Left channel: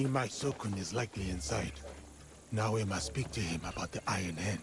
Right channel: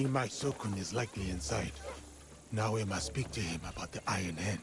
Imai Sokun is likely inside. Now we must speak to him about the Iron Hand.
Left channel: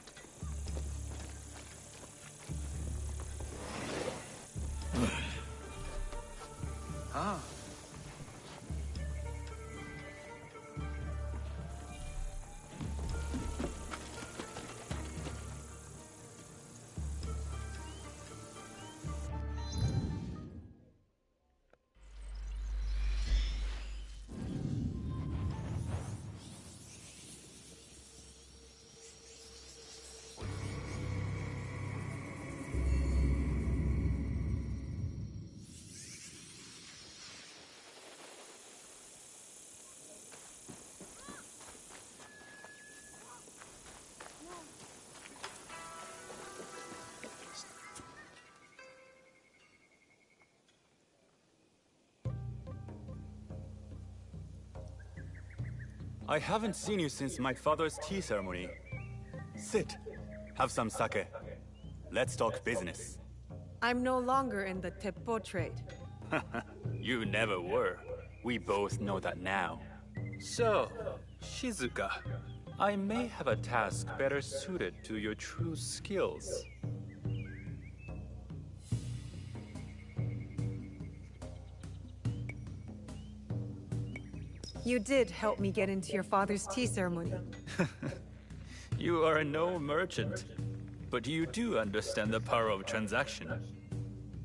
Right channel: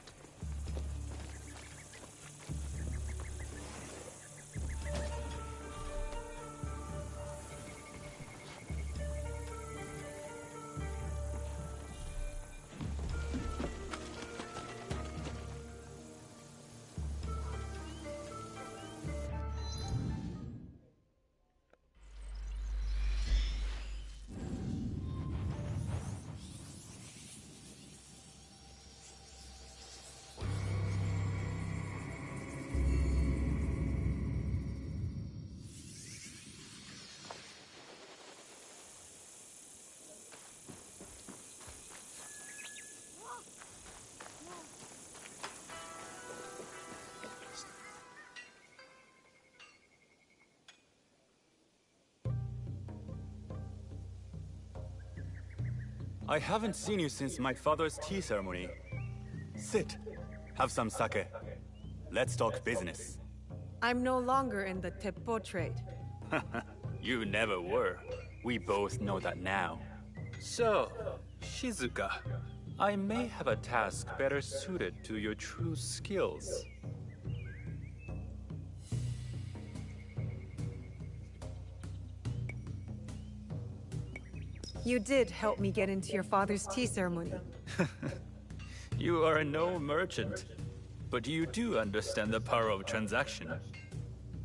I haven't seen you since my father's tea ceremony. Sit. Have some sake. Let's talk business. I'm no longer in the Teppo trade. You never were. We both know that now. So, Shizuka, I may have a task better suited to your true skills. You did help me get into your father's tea ceremony. You are no merchant, but you do understand the power of transaction.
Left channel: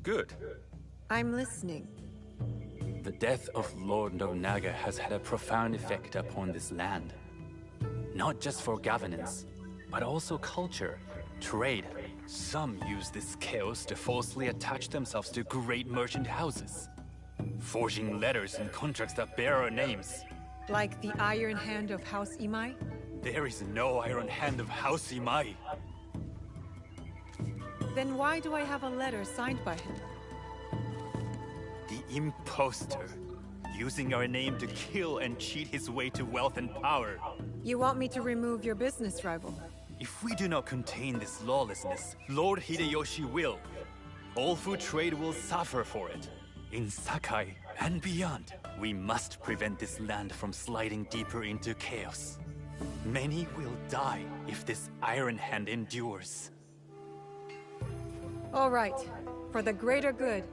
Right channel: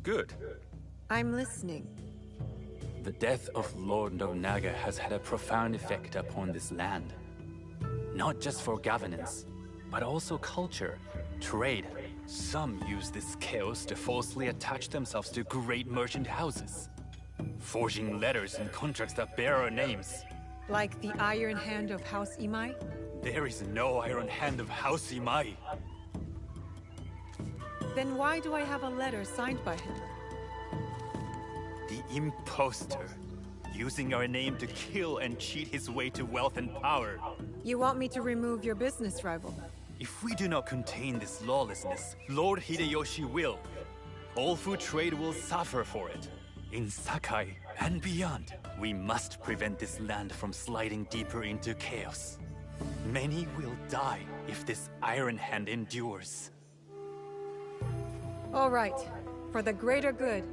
Good. I'm listening. The death of Lord Nobunaga has had a profound effect upon this land. Not just for governance, but also culture, trade. Some use this chaos to falsely attach themselves to great merchant houses, forging letters and contracts that bear our names. Like the Iron Hand of House Imai? There is no Iron Hand of House Imai. Then why do I have a letter signed by him? The imposter, using our name to kill and cheat his way to wealth and power. You want me to remove your business rival? If we do not contain this lawlessness, Lord Hideyoshi will. All food trade will suffer for it. In Sakai and beyond, we must prevent this land from sliding deeper into chaos. Many will die if this Iron Hand endures. All right, for the greater good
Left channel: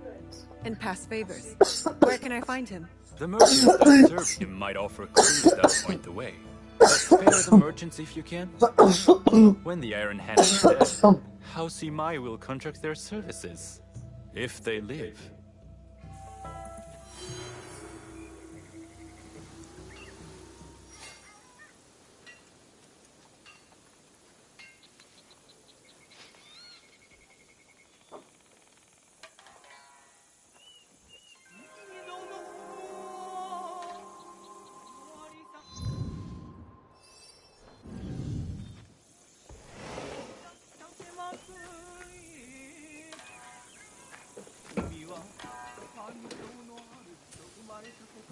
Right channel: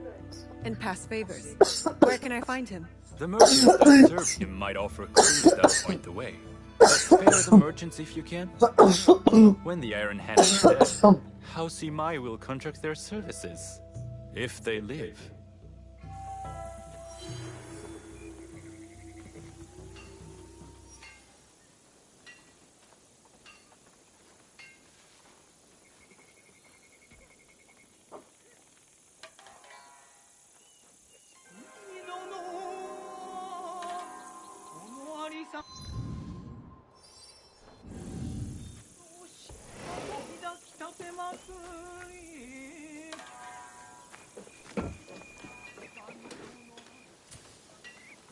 and past favors. Where can I find him? The merchants that serve him might offer clues that point the way. But spare the merchants if you can. When the Iron Hand is dead, House Imai will contract their services. If they live.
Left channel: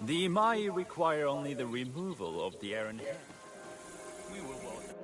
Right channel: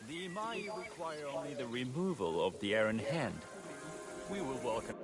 The Imai require only the removal of the Iron Hand. We will welcome...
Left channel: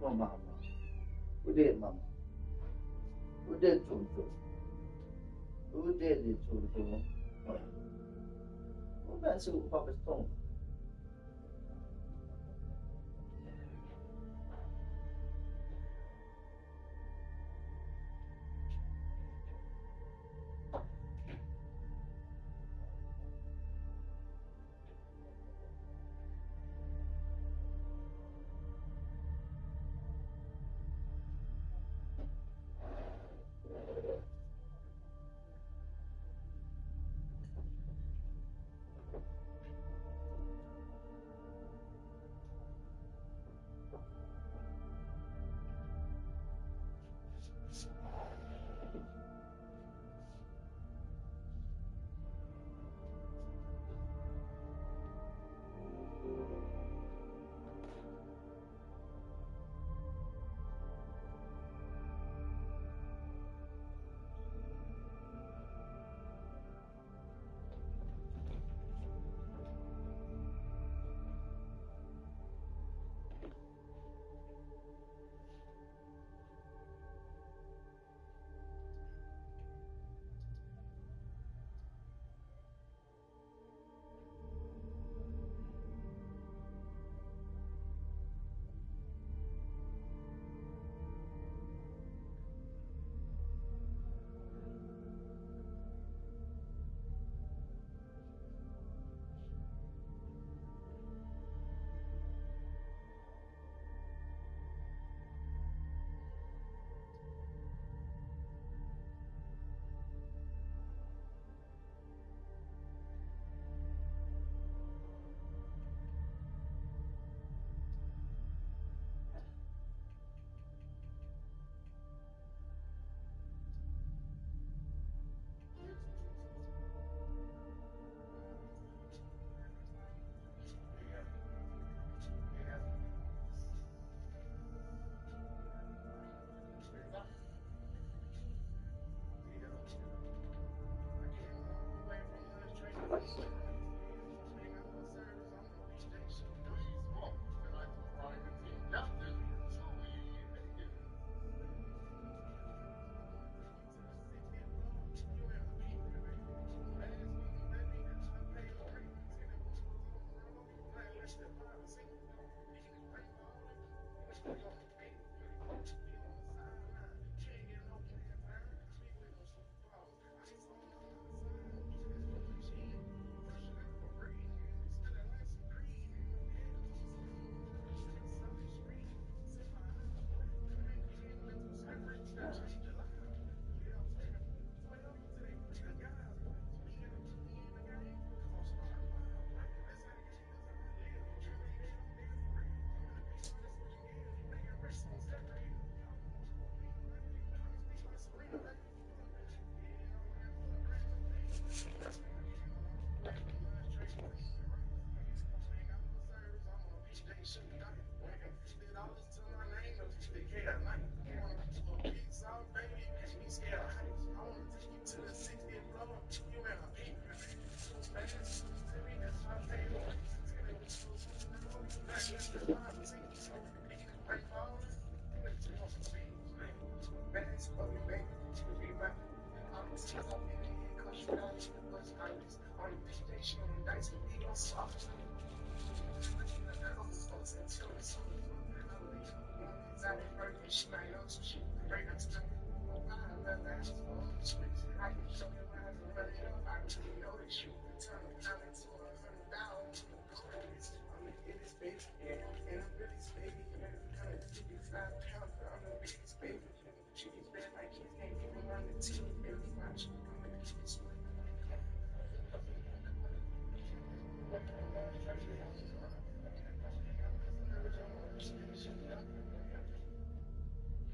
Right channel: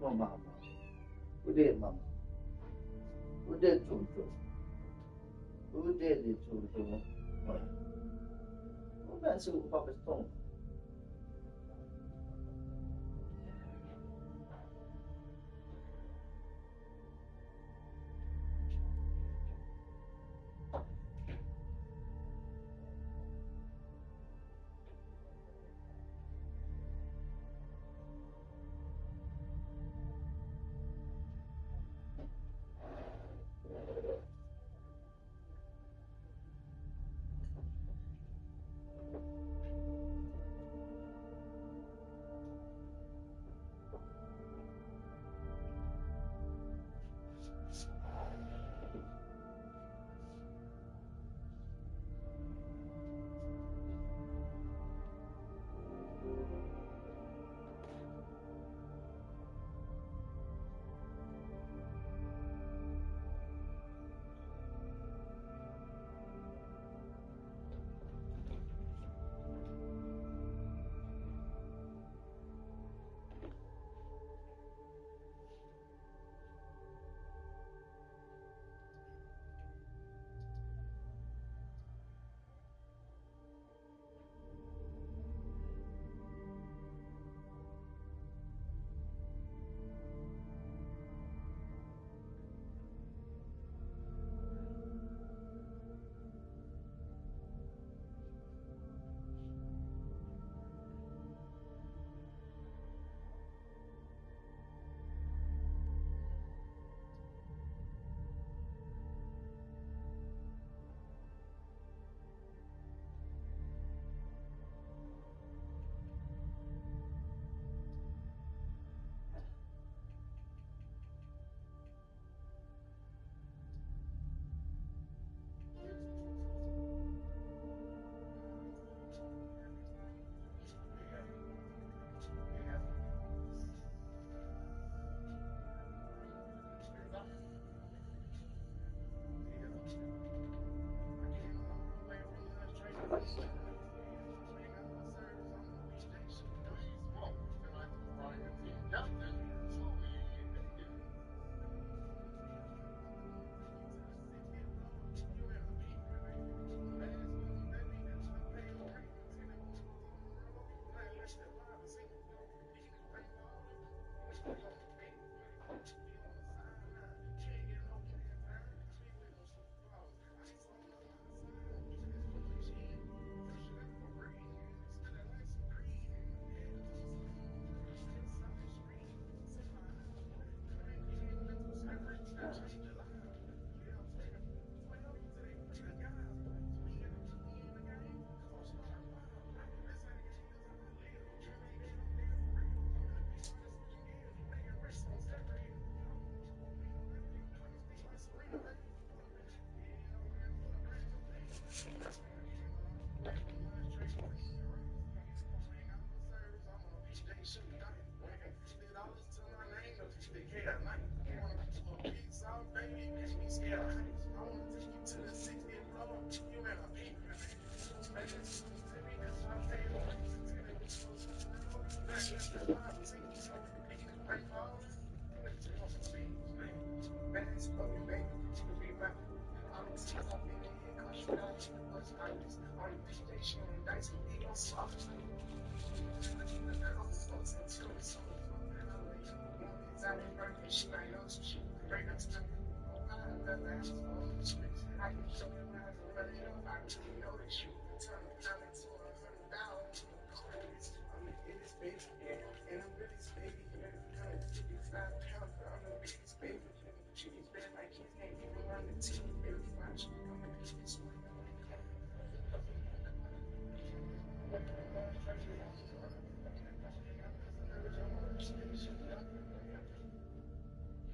Mama, ude mama, ude tutu, ude di tutu. Ude su papa stone.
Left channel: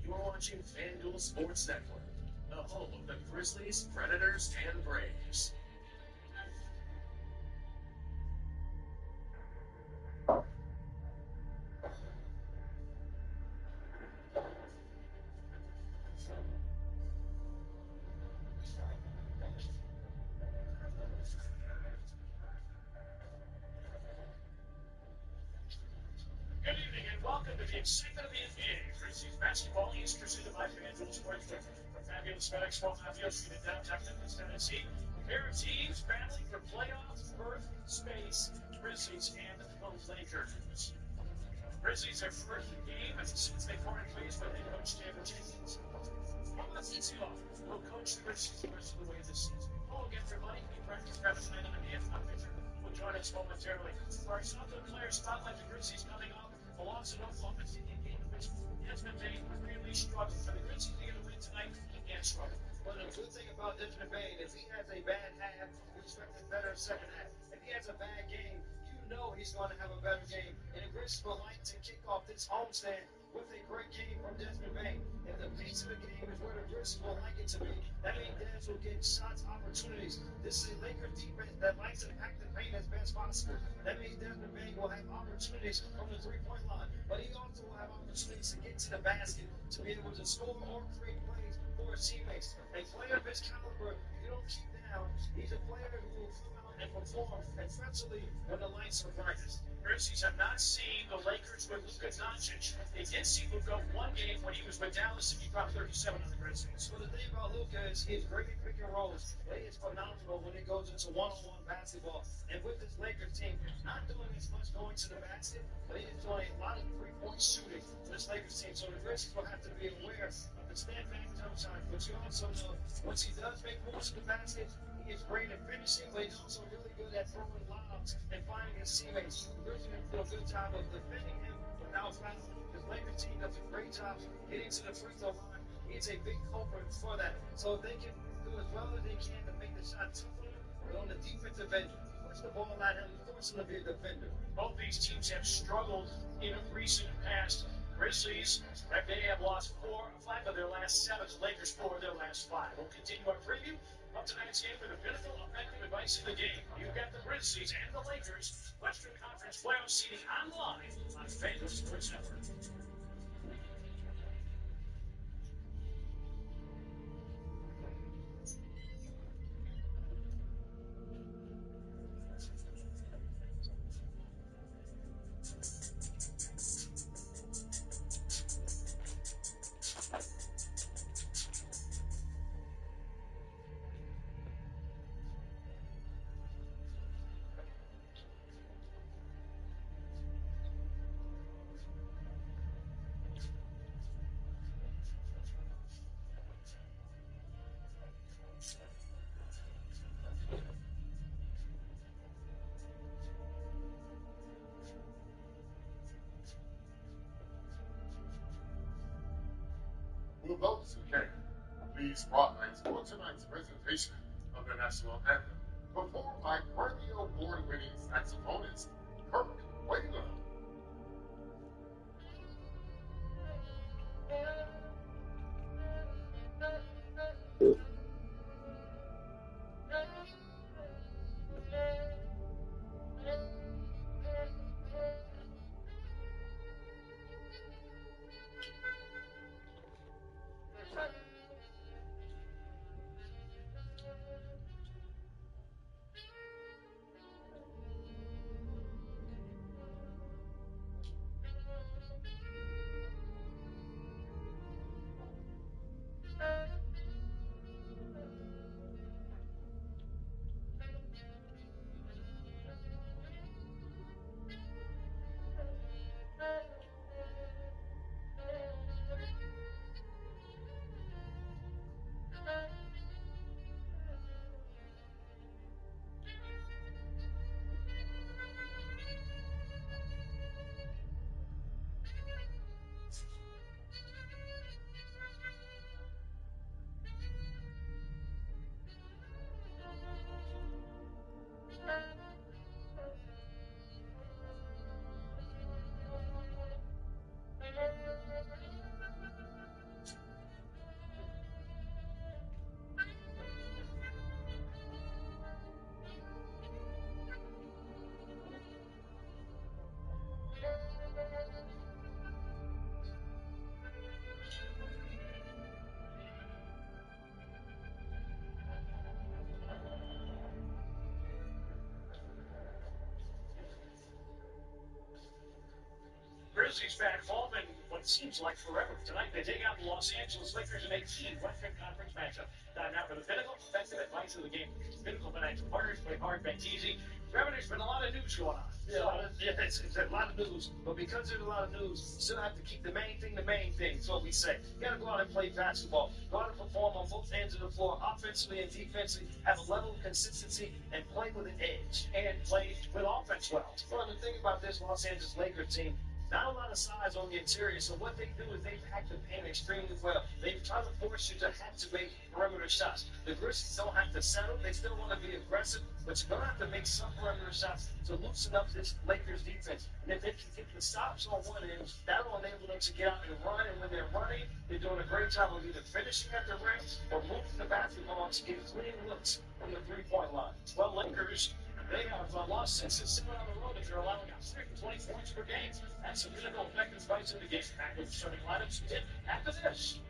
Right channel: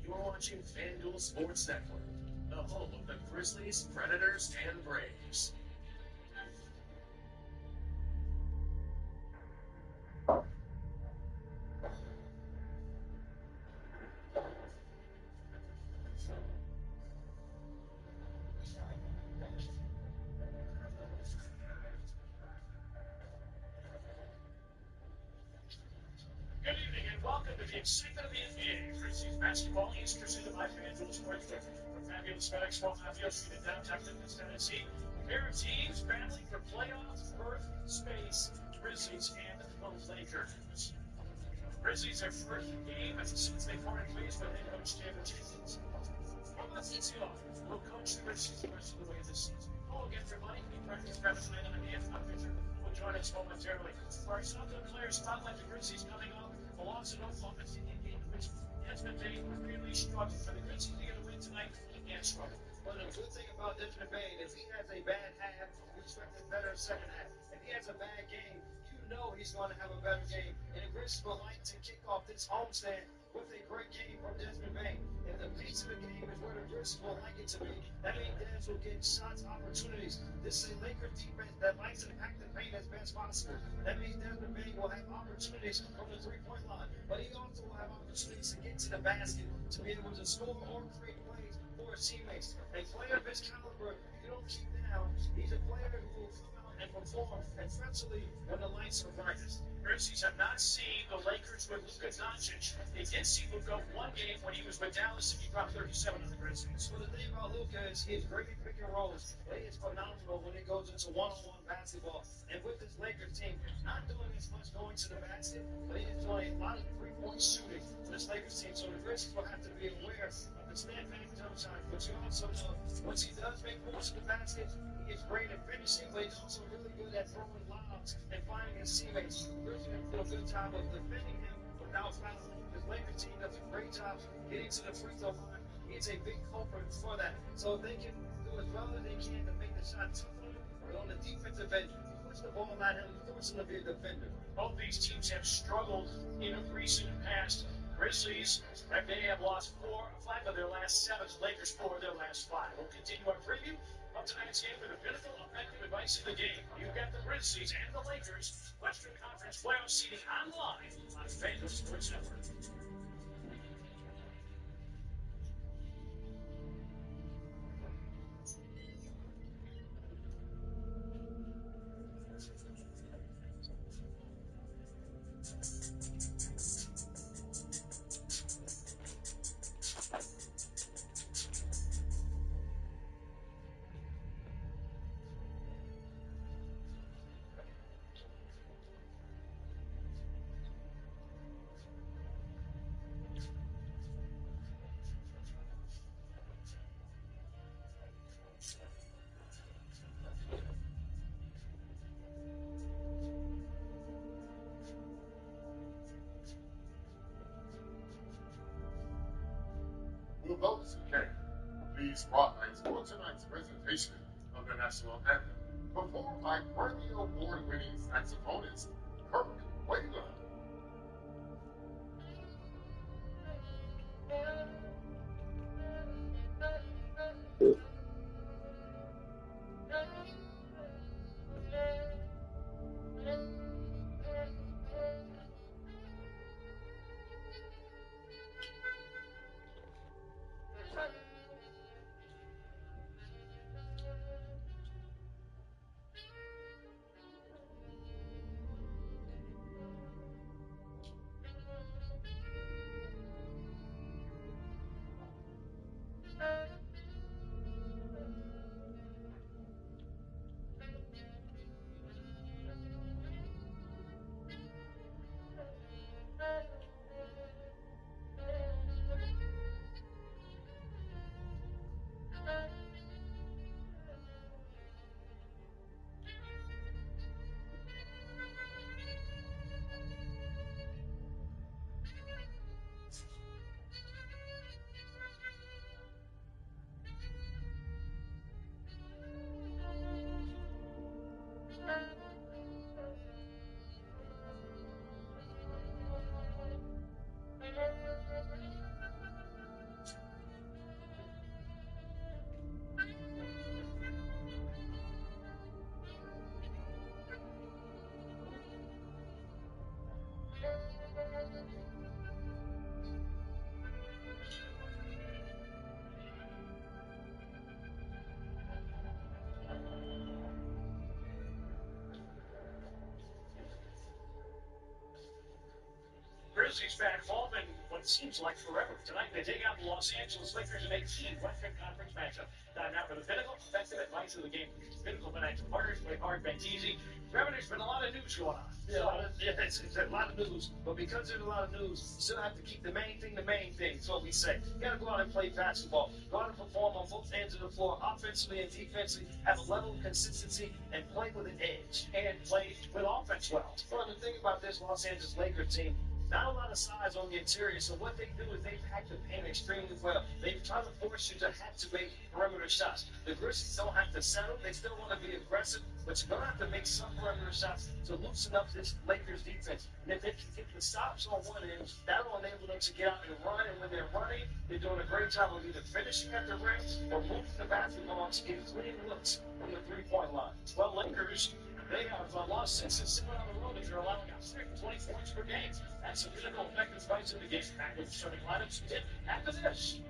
You're watching FanDuel Sports Network, the home of the Grizzlies, Predators, and Braves. Good evening and welcome to the excitement of the NBA. Grizzlies basketball is presented by FanDuel Sportsbook. From fabulous FedEx Philadelphia Street in downtown Memphis, Tennessee, a pair of teams battling for playoff berth space, Grizzlies and the Lakers. Grizzlies are first game since they parted ways with head coach Taylor Jenkins. Mauricio will coach the Grizzlies the rest of the way this season. Hello again, everybody. We practice Travis Knight on the NFL picture. Will join us momentarily. For our Southern Player Spotlight, the Grizzlies coming off a loss in Oklahoma City game in which Desmond Bane really struggled. For the Grizzlies to get a win tonight, he can't struggle. Well, the good thing about Desmond Bane is he has a bad half, you expect a better second half. If he has a bad game, you know he's going to have a better game. And the Grizzlies would like to kick off this homestand with a great game from Desmond Bane. If the pace of the game is where the Grizzlies would like it to be, that means Des will get shots, opportunities. This is a Lakers defense that likes to pack the paint as best possible. That means Desmond Bane will have opportunities from the three-point line, but he also will have opportunities to get to the basket, to be able to score or create plays for his teammates. A player of his caliber, you don't keep down. He's a player who will come out and perform, especially when the lights are brightest. Grizzlies have not seen the Lakers with Luka Doncic. They did see Luka one game when he was with Dallas and he dropped 37 on the Grizzlies. Well, the thing about Luka is he's great at pick and rolls. He is phenomenal when it goes into one-on-one basketball. And with this Lakers team, not doing as much going to the basket, but he is doing a lot of three-point shooting for this Lakers team. So the Grizzlies will have to be aware of the stand-back jump shot. But you also know once he does make moves to the basket, he is great at finishing, but he's also really good at throwing lobs and finding his teammates. The Grizzlies do a good job of defending him without fouling. This Lakers team does a great job getting to the free throw line. He's a big culprit for that. So if they can do as well as they can to make the shot tough on him, but on the defensive end, you push the ball at him, you force him to be a defender. Both these teams have struggled in recent past. Grizzlies, they have lost 5 of their last 7. Lakers 4 of their last 5. We'll continue our preview of tonight's game for the pinnacle effective advice in the game. You've got the Grizzlies and the Lakers Western Conference playoff seeding online on FanDuel Sports Network. Will those who can please spotlights for tonight's presentation of the national anthem, performed by Grammy Award-winning saxophonist Kirk Whalum. Grizzlies back home in what seems like forever. Tonight they take out the Los Angeles Lakers in a key Western Conference matchup. Time now for the Pinnacle Effective Advice of the Game. Pinnacle Financial Partners, play hard, bank easy. Trevor, there's been a lot of news going on. Yeah, it's a lot of news. But because there's a lot of news, you still have to keep the main thing. That's what we say. You got to go out and play basketball. Go out and perform on both ends of the floor, offensively and defensively. Have a level of consistency and play with an edge. And play with offense well. Well, the thing about this Los Angeles Lakers team, not a lot of size on the interior, so what they do is they pack the paint extremely well. They try to force you to have to make perimeter shots. The Grizzlies don't have to settle. They still want to be aggressive, but you're going to have to make some perimeter shots to loosen up this Lakers defense. And if they can get the stops on one end, that'll enable them to get out and run. And when they're running, they're doing a great job of either finishing at the rim or moving the basketball to get clean looks from the three-point line. Well, Lakers, they have lost 6 and 7 on the road if they're allowing out 20 points per game. That's a Pinnacle Effective Advice of the Game. Back with starting lineups after this.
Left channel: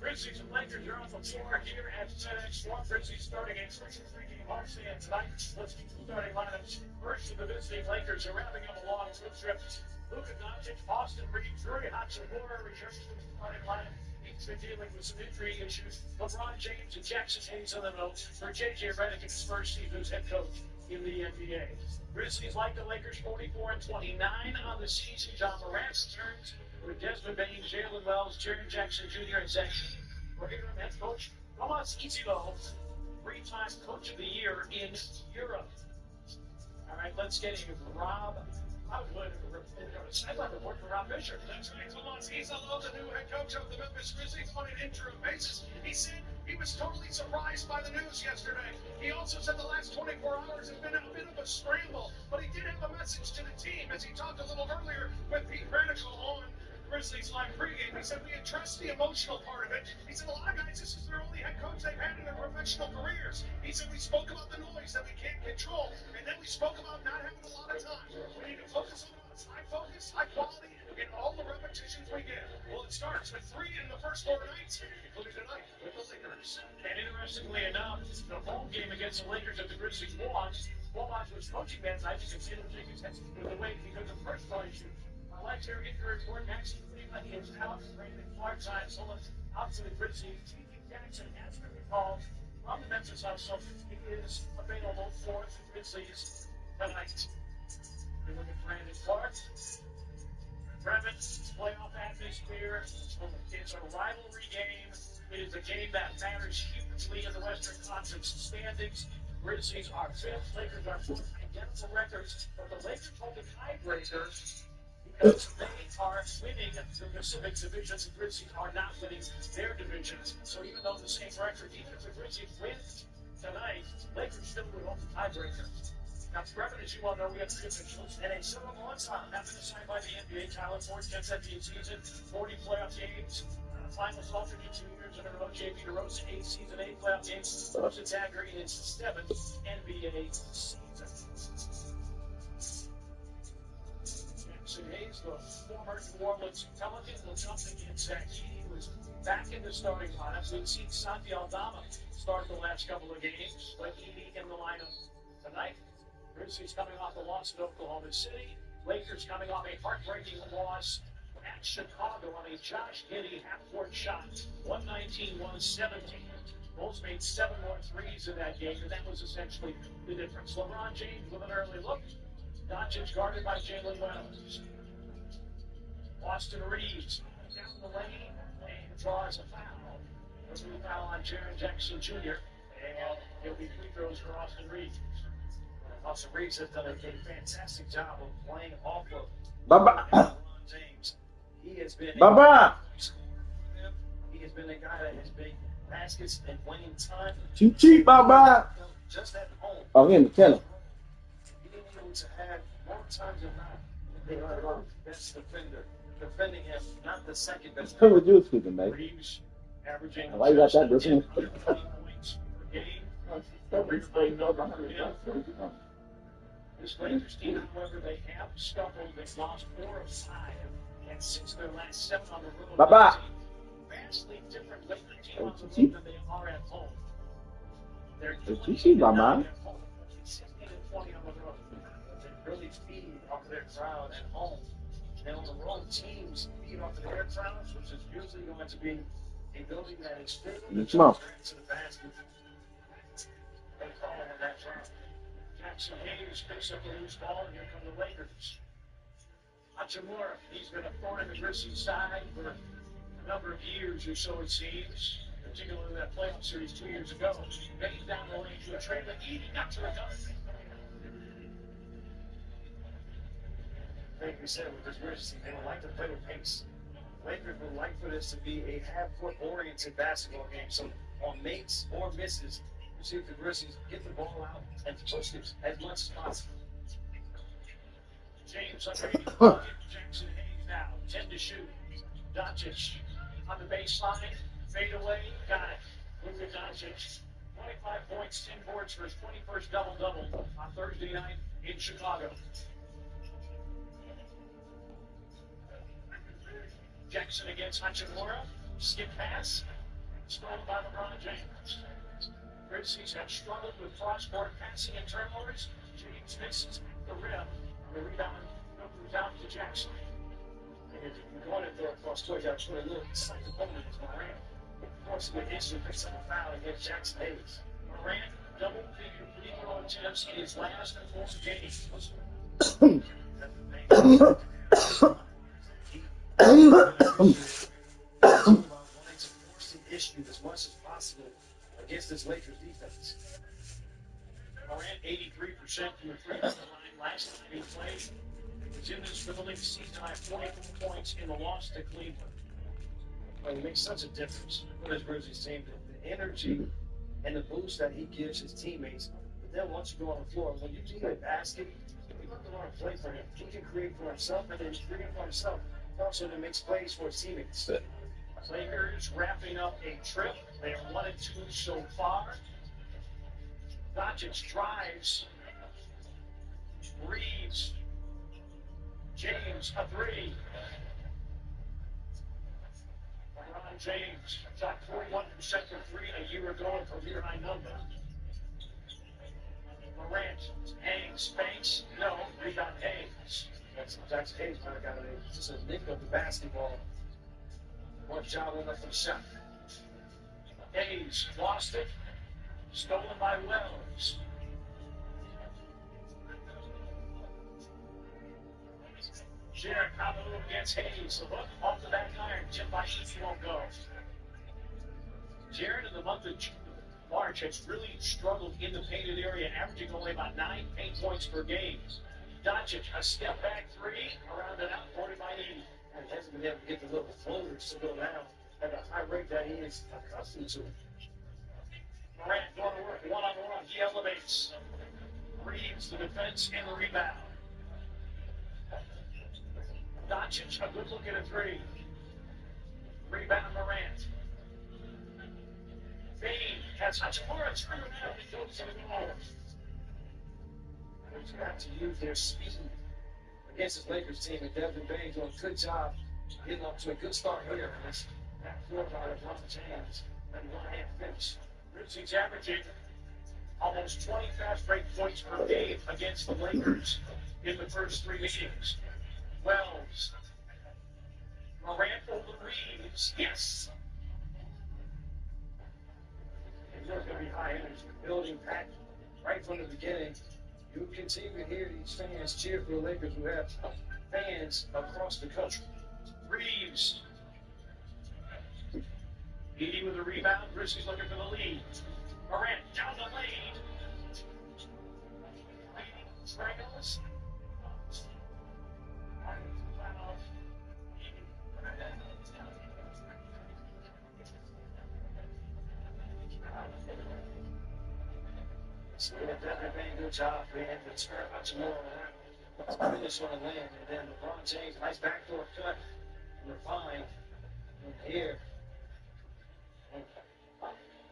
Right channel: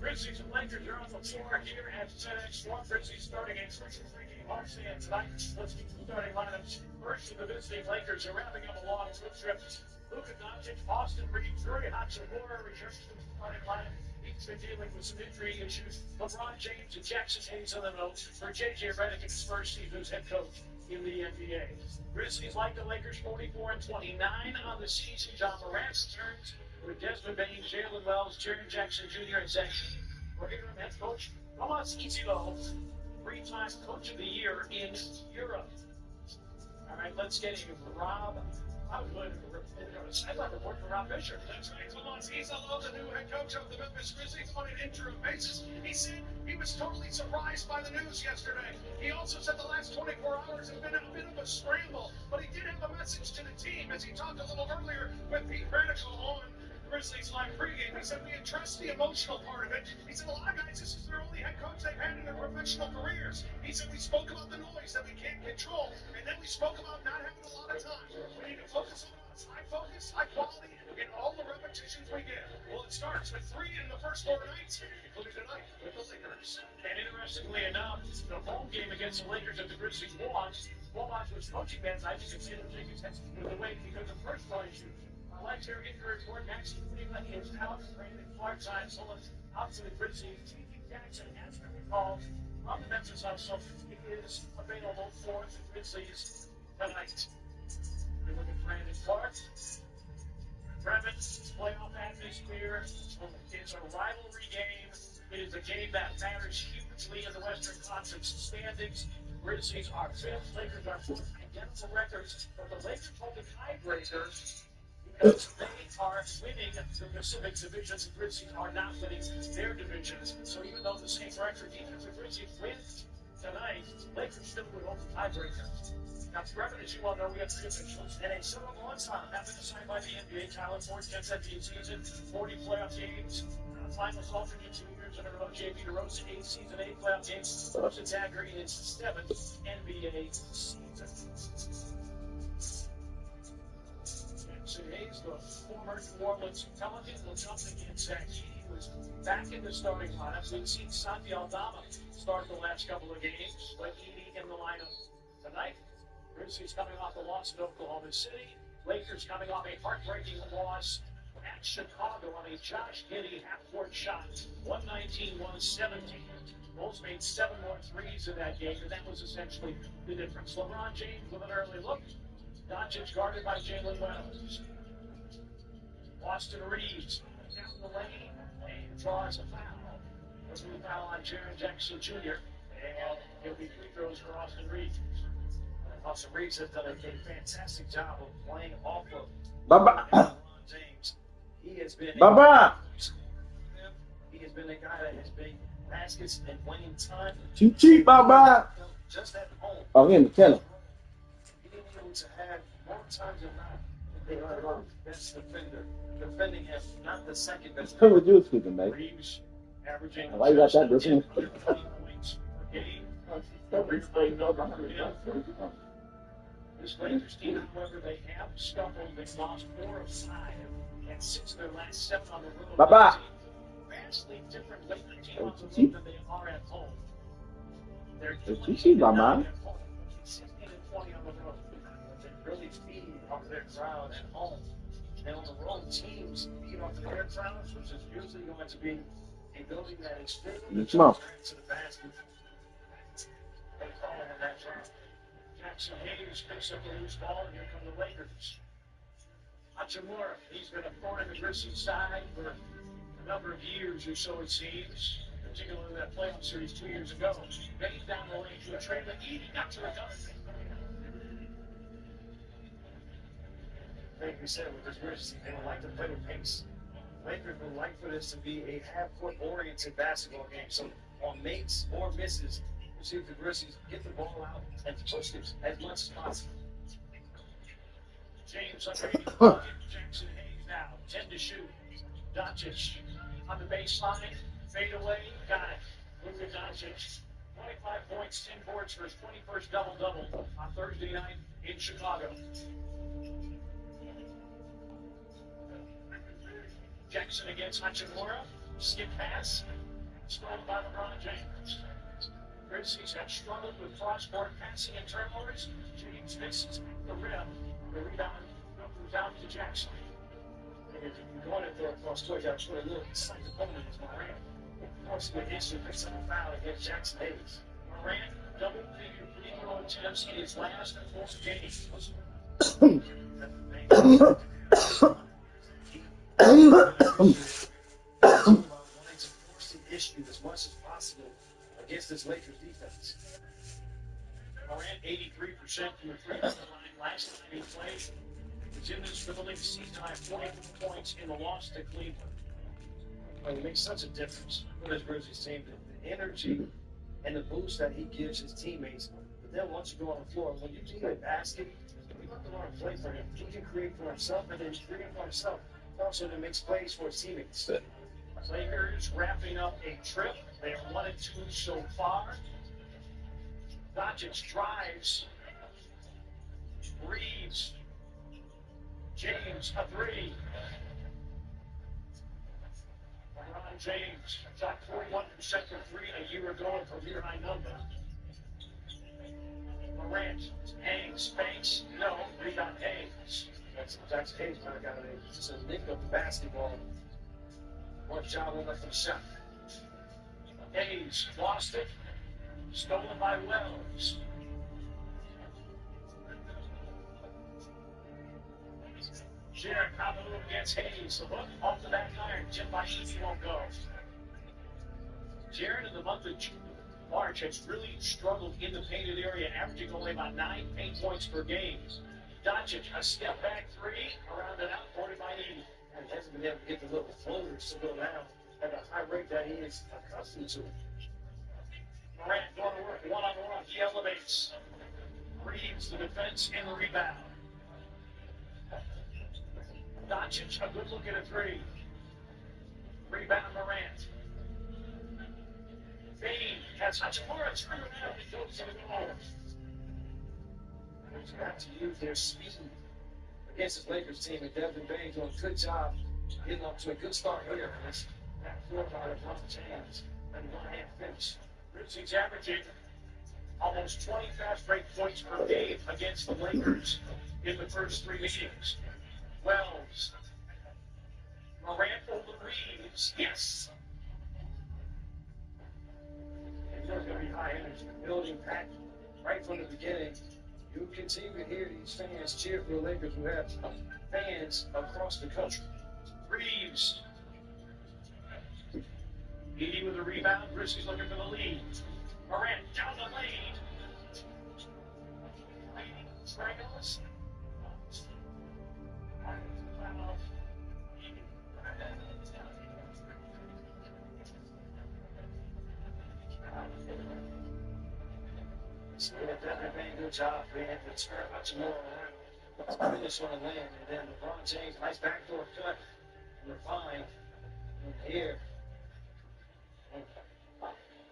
Grizzlies and Lakers are on the floor here at FedEx Forum. Grizzlies starting a crucial three-game homestand tonight. Let's get the starting lineups. First of the visiting Lakers are wrapping up a long road trip. Luka Doncic, Austin Reeves, Rui Hachimura returns to the starting lineup. He's been dealing with some injury issues. LeBron James and Jackson Hayes on the note for J.J. Redick in his first season as head coach in the NBA. Grizzlies like the Lakers 44-29 on the season. John Morant returns with Desmond Bain, Jalen Wells, Jaren Jackson Jr., and Zach Sheehan for interim head coach Tomas Itzilo, 3-time Coach of the Year in Europe. All right, let's get a Rob. I'd like to work for Rob Fisher. That's right, Tomas Itzilo, the new head coach of the Memphis Grizzlies on an interim basis. He said he was totally surprised by the news yesterday. He also said the last 24 hours has been a bit of a scramble, but he did have a message to the team as he talked a little earlier with Pete Radical on Grizzlies Live pregame. He said we addressed the emotional part of it. He said a lot of guys, this is their only head coach they've had in their professional careers. He said we spoke about the noise that we can't control, and then we spoke about not having a lot of time. We need to focus on us. High focus, high quality, in all the repetitions we get. Well, it starts with 3 in the first 4 nights, including tonight with the Lakers. And interestingly enough, the home game against the Lakers that the Grizzlies won, Womans was coaching that night. You can see them taking tests with the weight because of personal issues. Let's hear injury report. Maxi Cleveland is out. Brandon Clark signs out to the Grizzlies. T.J. Jackson has been recalled from the Memphis Hustle. He is available for the Grizzlies tonight. We look at Brandon Clark. Brevin, playoff atmosphere. It's a rivalry game. It is a game that matters hugely in the Western Conference standings. Grizzlies are fifth, Lakers are fourth, identical records, but the Lakers hold the tiebreaker because they are winning the Pacific Division. The Grizzlies are not winning their divisions. So even though the same record, even if the Grizzlies win tonight, Lakers still would hold the tiebreaker. Now, Brevin, as you all know, we have three officials, and a several on-time have been assigned by the NBA. Tyler Ford, 10th NBA season, 40 playoff games, finals alternate 2 years in a row. JP DeRozan, 8 season, 8 playoff games. Rustin Dagger in his 7th NBA season. Jackson Hayes, the former New Orleans Pelican, will jump against Zach Edey, who is back in the starting lineup. We've seen Santi Aldama start the last couple of games, but Edey in the lineup tonight. Grizzlies coming off a loss at Oklahoma City. Lakers coming off a heartbreaking loss at Chicago on a Josh Giddey half-court shot, 119-117. Bulls made 7 more threes in that game, and that was essentially the difference. LeBron James with an early look. Doncic guarded by Jalen Wells. Austin Reeves down the lane and draws a foul. A blue foul on Jaren Jackson Jr. And it'll be free throws for Austin Reeves. Austin Reeves has done a fantastic job of playing off of LeBron James. He has been he has been a guy that has been baskets and winning time. Too cheap, Baba. Just at home. Oh, him, tell him. Being able to have more times than not, they are the best defender. Defending him, not the second best. Who was you speaking, babe? Reeves averaging Why you got that, Bruce? 120 points per game. This Lakers team, however, they have stumbled. They've lost 4 of 5 and 6 of their last 7 on the road. Baba. Vastly different Lakers team on the road than they are at home. They're 20 at Mama. home, 16 and 20 on the road. They really feed off their crowd at home. And on the road, teams feed off of their crowds, which is usually going to be a building that is filled with Come on. to the basket. They call on that crowd. Jackson Hayes picks up the loose ball, and here come the Lakers. Hachimura, he's been a thorn in the Grizzlies' side for a number of years or so, it seems, particularly that playoff series 2 years ago. Bates down the lane to a trailer. Edey got to the gun. Like we said, with this Grizzlies team, they would like to play with pace. Lakers would like for this to be a half-court oriented basketball game. So on makes or misses, we'll see if the Grizzlies get the ball out and push it as much as possible. James under 80. Jackson Hayes now, 10 to shoot. Doncic on the baseline, fade away, got it. Luka Doncic, 25 points, 10 boards for his 21st double-double on Thursday night in Chicago. Jackson against Hachimura, skip pass, stolen by LeBron James. Grizzlies have struggled with cross-court passing and turnovers. James misses the rim. The rebound goes out to Jackson. And if you want to throw across court, you got to put a little slight opponent as Morant. Forcing the issue, picks up a foul against Jackson Hayes. Morant double-figure free throw attempts in his last 4 games. Wanting to force the issue as much as possible against this Lakers defense. Morant 83% from the free throw line last time he played. He's in this building, season high 44 points in the loss to Cleveland. Well, it makes such a difference for this Grizzlies team. The energy and the boost that he gives his teammates. But then once you go on the floor, when you need a basket, you have to learn to play for him. He can create for himself, and then he's creating for himself. Also, that makes plays for his teammates. Lakers wrapping up a trip. They are 1 and 2 so far. Doncic drives. Reeves. James, a 3. LeBron James shot 41% from 3 a year ago, and career high number. Morant hangs, banks, no, rebound Hayes. Jackson Hayes might have got just a nick of the basketball. One job went up for the shot. Hayes lost it. Stolen by Wells. Jared on the move against Hayes. The hook off the back iron. Jim Baishiki won't go. Jared in the month of March has really struggled in the painted area, averaging only about 9 paint points per game. Doncic, a step back three, around and out, 40 by 80. And he hasn't been able to get the little floaters to go down at the high rate that he is accustomed to. Morant going to work one-on-one. He elevates. Reeves the defense and the rebound. Doncic, a good look at a three. Rebound Morant. Bain has Hachimura turned around and goes to the goal. They've got to use their speed against this Lakers team, and Devin Bain doing a good job getting off to a good start here. This backcourt by LeBron James and one-hand finish. Grizzlies averaging almost 20 fast break points per game against the Lakers in the first three meetings. Wells. Morant over Reeves. Yes. There's going to be high energy. Building packed right from the beginning. You continue to hear these fans cheer for the Lakers who have fans across the country. Reeves. Edie with a rebound. Grizzlies looking for the lead. Morant down the lane. Strangles. So Devin Bain, good job, man. The turn Hachimura around. Finish on the land. And then LeBron James, nice backdoor cut. And refined. And here.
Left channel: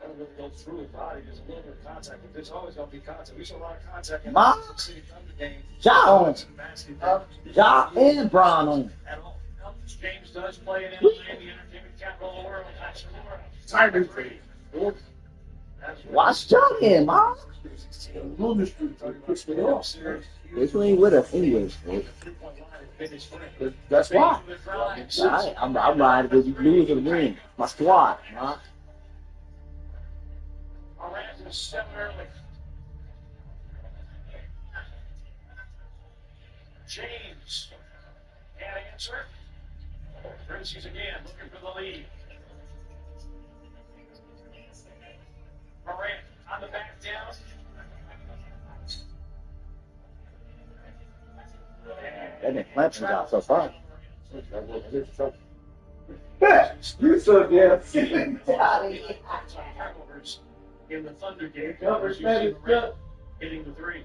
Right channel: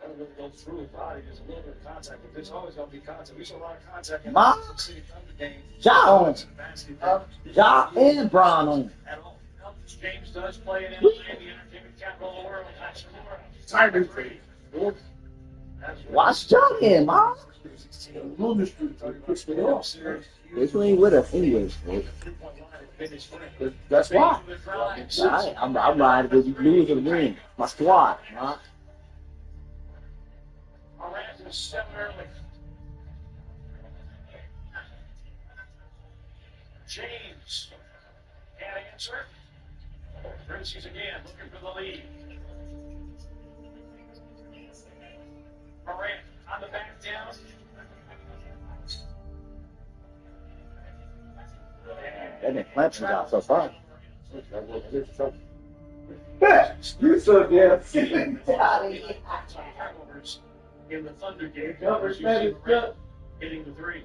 Doesn't really go through his body. There's a little bit of contact, but there's always going to be contact. We saw a lot of contact in Ma? the City Thunder game. Ja on. Ja and Bron on. At all. James does play in LA, the entertainment capital of the world. Hachimura. Tiger. Watch Ja in, Ma. This one ain't with us anyways. That's why. I'm riding because you lose or win. My squad, Ma. Morant is 7 early. James can't answer. Grizzlies again looking for the lead. Morant on the back down. That didn't Clemson's out so far. You so damn Turnovers in the Thunder game. Numbers, Grizzlies man, Morant hitting the three.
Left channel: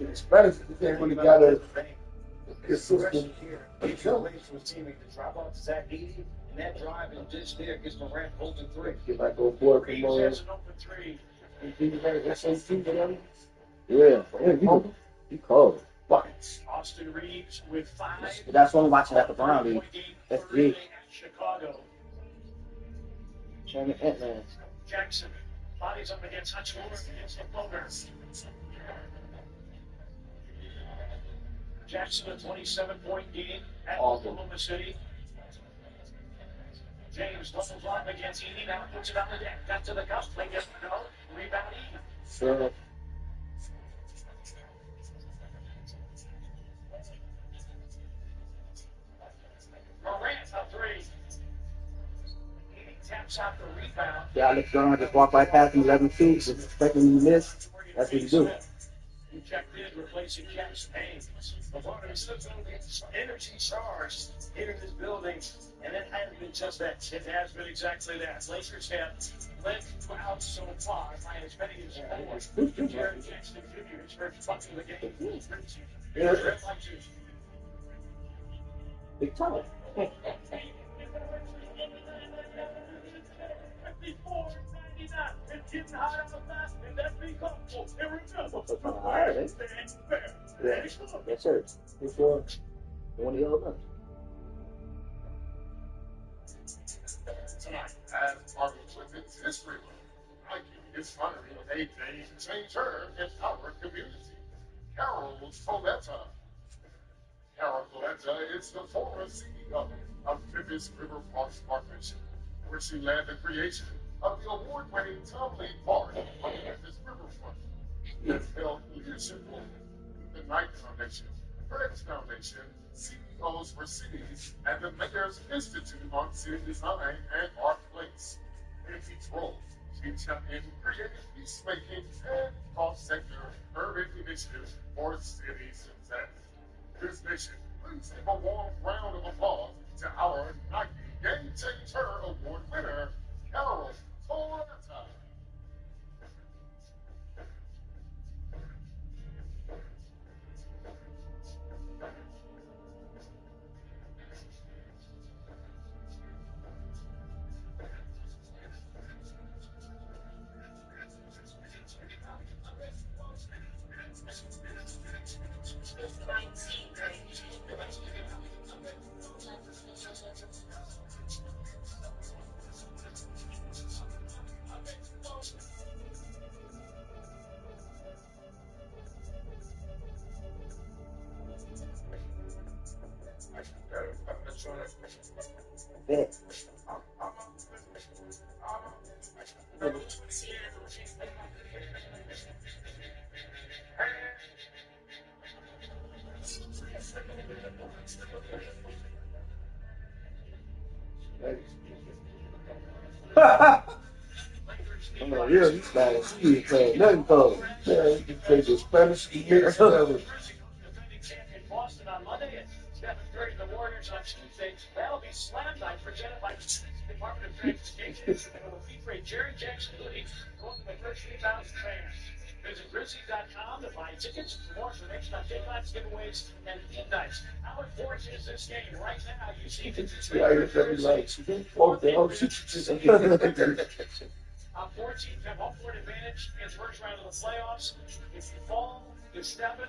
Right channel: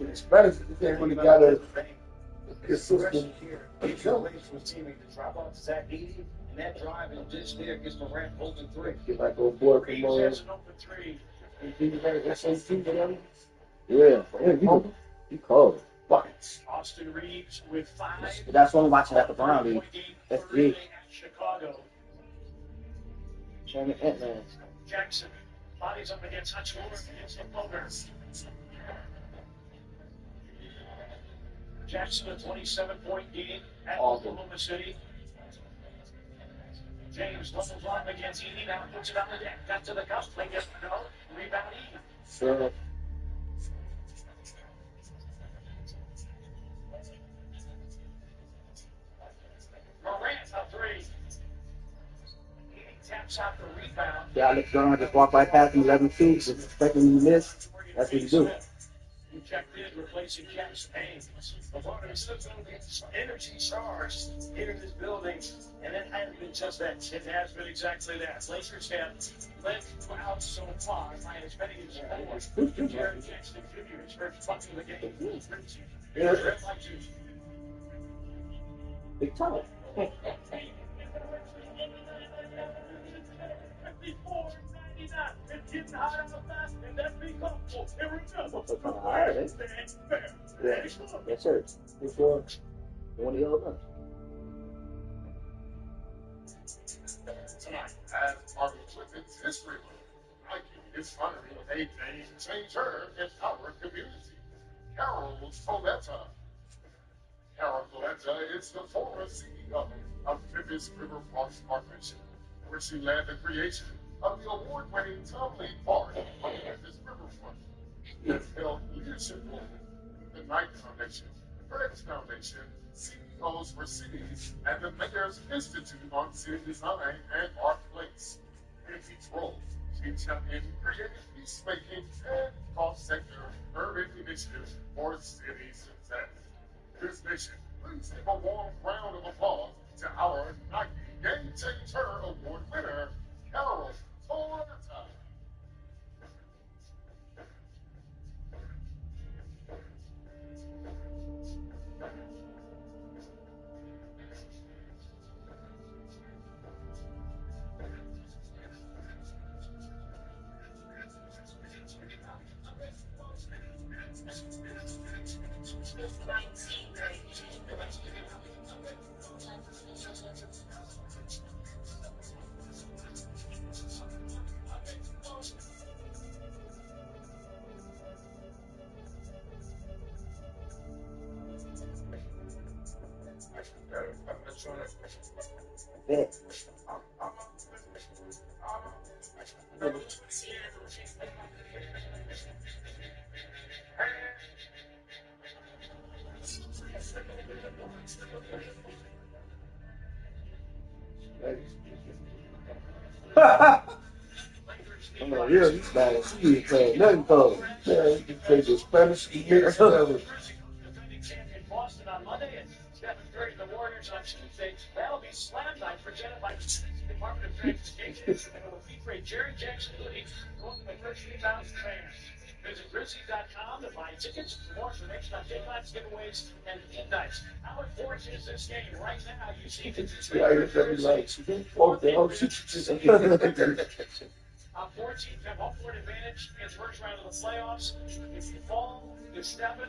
It's better if they really got a Progression here. It's your ways for a teammate to drop off to Zach Edey, and that drive and dish there gets Morant open three. Get back on board from Reeves has an open three. Yeah. You cold. buckets. Austin Reeves with 5. That's what I'm watching at the Brown League. That's Thursday big. at Chicago. Shannon Ant-Man. Jackson bodies up against Hachimura against the floater. Jackson, a 27-point game at Oklahoma City. James doubles up against Edey, now puts it on the deck. Got to the cup, they get no. Rebound Edey. Sure. Morant, a 3. Edey taps out the rebound. Yeah, Alex Garland just walked right past him 11-2, just expecting him to miss. That's what you do. Who checked in, replacing Jackson Hayes. LeBron is still going to be energy charged here in this building, and it hasn't been just that. It has been exactly that. Lakers have led out so far by as many as 4. Jared Jackson Jr. is first bucket of the game. Yeah. Red light juice. Big time. 54-99. It's getting hot out fast, and that's be comfortable. And remember, All right, stand fair. Yeah. Yes, sir. Before one of the other ones. Tonight, as part of Clinton's history month, Nike is honoring a day changer in our community, Carol Coletta. Carol Coletta is the former CEO of Memphis River Parks Partnership, where she led the creation of the award-winning Tumley Park on the Memphis Riverfront. She has held leadership roles in the Nike Foundation, Fred's Foundation, CEOs for Cities, and the Mayor's Institute on City Design and Art Place. In each role, she championed creative peacemaking and cross-sector urban initiatives for city success. This mission, please give a warm round of applause to our Nike Game Changer Award winner, Carol Coletta. Bet. I'm like, yeah, he's bad. He ain't playing nothing for him. Yeah, he can play the Spanish mix whatever. Defending champion Boston on Monday and Stephen Curry and the Warriors on Tuesday. That'll be Slam Night presented by the Department of Transportation. And will feature Jerry Jackson hoodie going to the first 3,000 fans. Visit Grizzlies.com to buy tickets for more information on deadlines, giveaways, and midnights. How important is this game right now? You see the Yeah, you're very like, oh, the hell, shit. 14 have home court advantage in the first round of the playoffs. If you fall, you're stepping.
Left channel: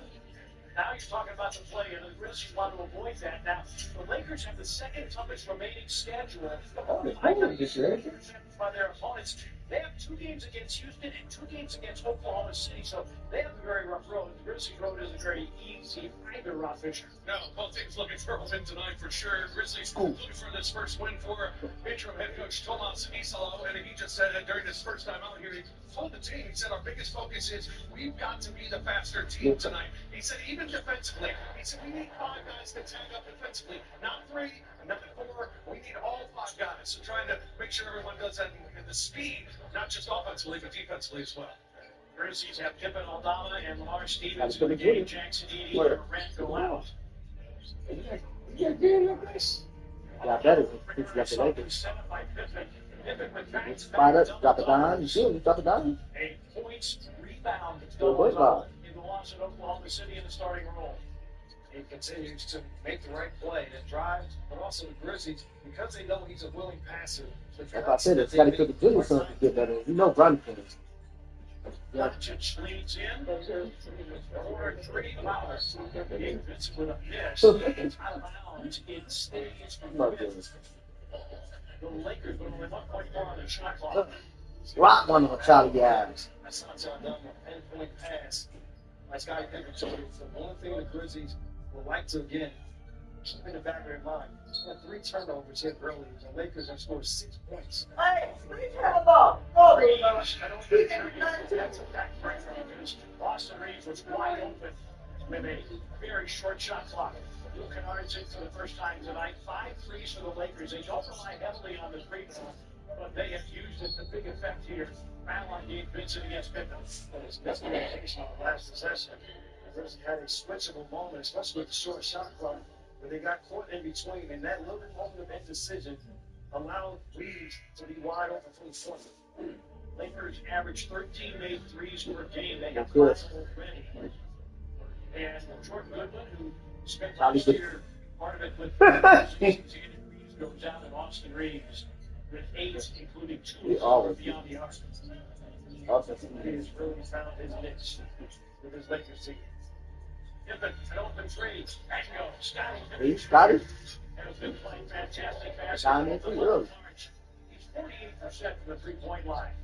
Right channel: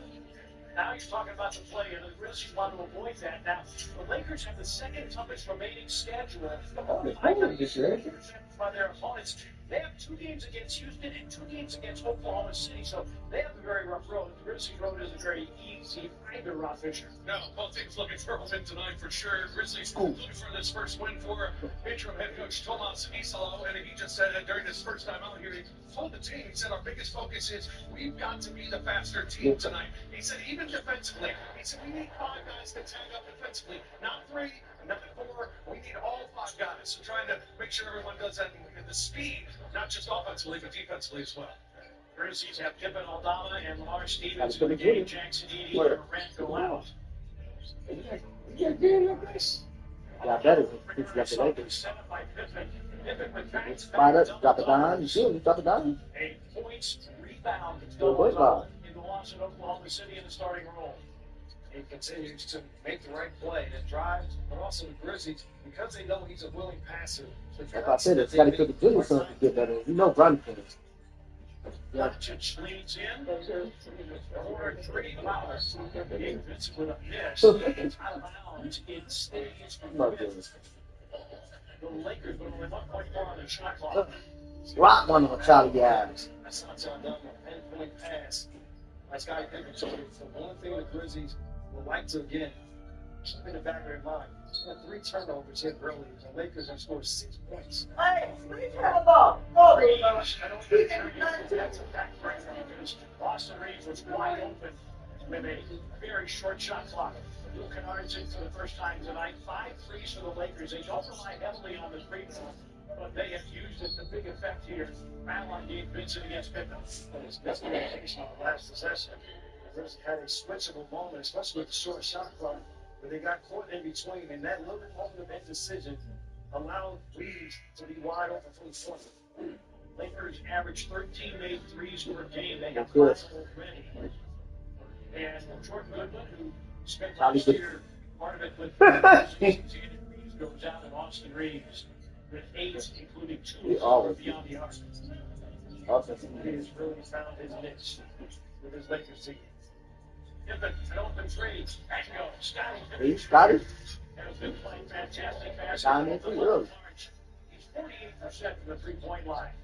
Now you're talking about the play, and the Grizzlies want to avoid that. Now, the Lakers have the second toughest remaining schedule by their opponents. They have 2 games against Houston and 2 games against Oklahoma City, so they have a very rough road. The Grizzlies road isn't very easy either, Rob Fisher. No, both teams looking for a win tonight for sure. Grizzlies looking for this first win for interim head coach Tomas Isalo, and he just said that during his first time out here, he told the team, he said, our biggest focus is we've got to be the faster team tonight. He said, even defensively, he said, we need 5 guys to tag up defensively, not 3, not 4, we need all 5 guys. So trying to make sure everyone does that in the speed, not just offensively, but defensively as well. Grizzlies have Pippen Aldama and Lamar Stevens in the game. Jackson Edey and Durant go out. Yeah, better. He's got the Lakers. Set up by Pippen. Pippen with back Spot up, drop it down. You see him, drop it down. a points rebound Good boy, Bob. in the loss at Oklahoma City in the starting role. He continues to make the right play and drive, but also the Grizzlies, because they know he's a willing passer. Like I said, it's got to put the good something to get better. You know, Bronny can. Doncic leads in. Corner 3 fouls. Gabe Vincent with a miss. Out of bounds. It stays with the Lakers, but only 1.4 on the shot clock. Rock one on Charlie Adams. That's not so done. A 10-point pass. That's got to think it's the one thing the Grizzlies would like to, again, keep in the back of their mind. They had 3 turnovers here early. The Lakers have scored 6 points. Hey, what are you talking about? Go, I don't think that's a backbreaker because Boston Reeves was wide open with a very short shot clock. Luke Kennard's in for the first time tonight. 5 threes for the Lakers. They don't rely heavily on the free throw, but they have used it to big effect here. Foul on Gabe Vincent against Pippen. And it's miscommunication on the last possession. The Grizzlies had a switchable moment, especially with the short shot clock, where they got caught in between, and that little moment of indecision allowed Reeves to be wide open from the front. Lakers average 13 made threes per game. They have 5 Good. already. And Jordan Goodwin, who spent Probably last good. year part of it with Reeves, goes out, and Austin Reeves with 8, including 2 Yeah, always. beyond the arc. Offensive. He has really found his niche with his Lakers team. Pippen, an open three. Tango, Scotty. He's got it. Has been playing fantastic basketball. Down in too early. He's 48% from the 3-point line.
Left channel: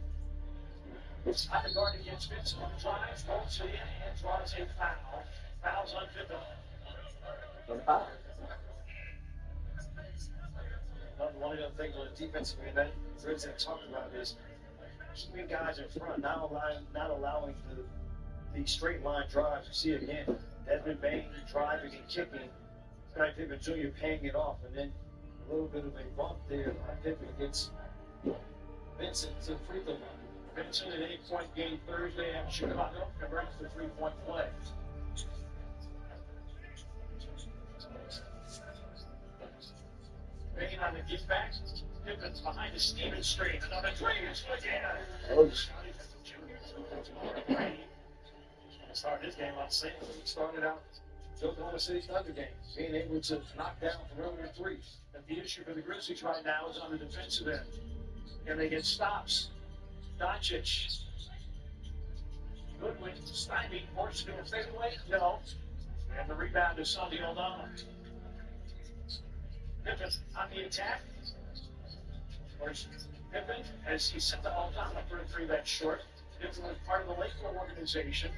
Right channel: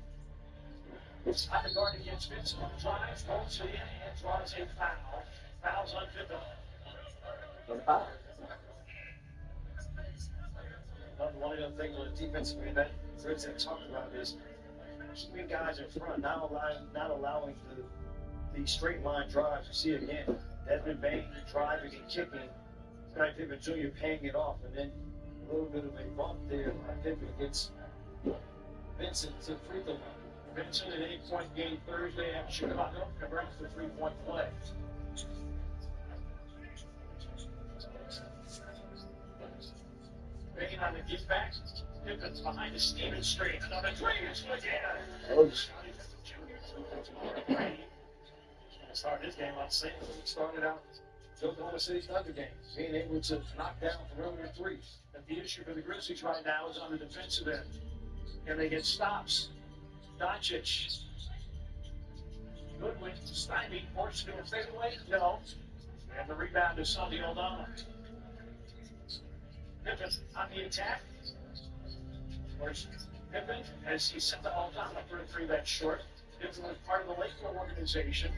It's on the guard against Vincent, who drives, rolls it in, and draws a foul. Fouls on Pippen. One of the things on the defensive end that Grizzlies have talked about is keeping guys in front, not allowing the straight line drives. You see it again. Desmond Bain driving and kicking. Scottie Pippen Jr. paying it off, and then a little bit of a bump there by Pippen against Vincent to the free throw line. Vincent, an 8-point game Thursday at Chicago, converts the 3-point play. Bain on the give back. Pippen's behind the Stevens screen. Another three is good. Oh, Start his game off same as he started out Oklahoma City's Thunder games, being able to knock down perimeter threes. And the issue for the Grizzlies right now is on the defensive end. Can they get stops? Doncic. Goodwin, stymied, forced to do a fadeaway? No. And the rebound is Santi Aldama. Pippen on the attack. Where's Pippen as he sent the Aldama for a three that's short. Pippen was part of the Lakers organization,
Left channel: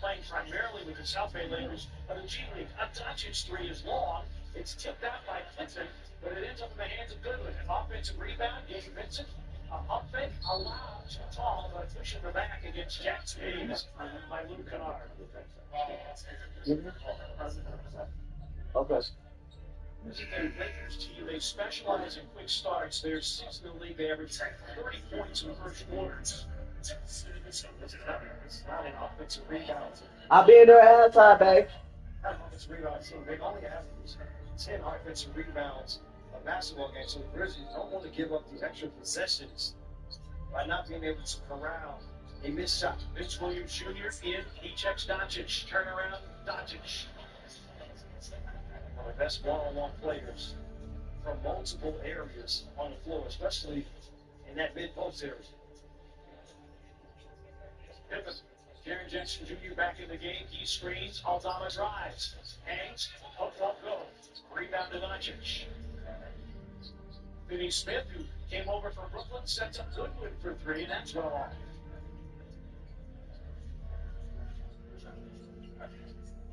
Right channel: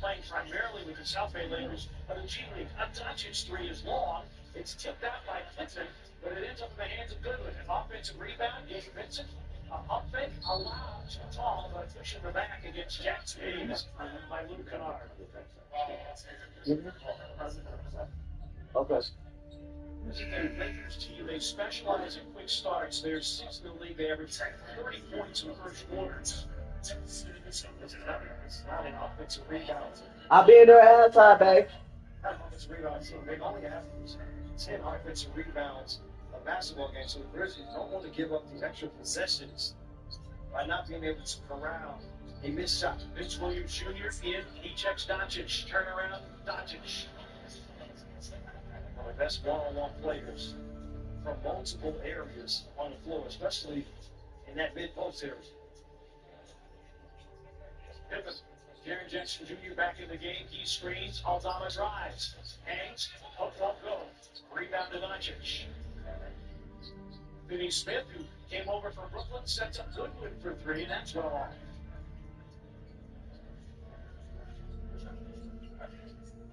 playing primarily with the South Bay Lakers of the G League. A Doncic three is long. It's tipped out by Pippen, but it ends up in the hands of Goodwin. An offensive rebound gave Vincent a pump fake, allowed too tall, but pushing the back against Jack Speeds by Luke Kennard. okay. This is the Lakers team. They specialize in quick starts. They're sixth in the league. They average 30 points in the first quarter. It's not an offensive rebound. I'll be in there at halftime, babe. Not an offensive rebound team. They only have 10 offensive rebounds a basketball game, so the Grizzlies don't want to give up the extra possessions by not being able to corral a missed shot. Vince Williams Jr. in. He checks Doncic. Turnaround, Doncic. One of the best one-on-one players from multiple areas on the floor, especially in that mid-post area. Pippen. Jaren Jackson Jr. back in the game. He screens. Aldama drives. Hangs. Hook won't go. Rebound to Doncic. Finney Smith, who came over from Brooklyn, sets up Goodwin for three, and that's well off.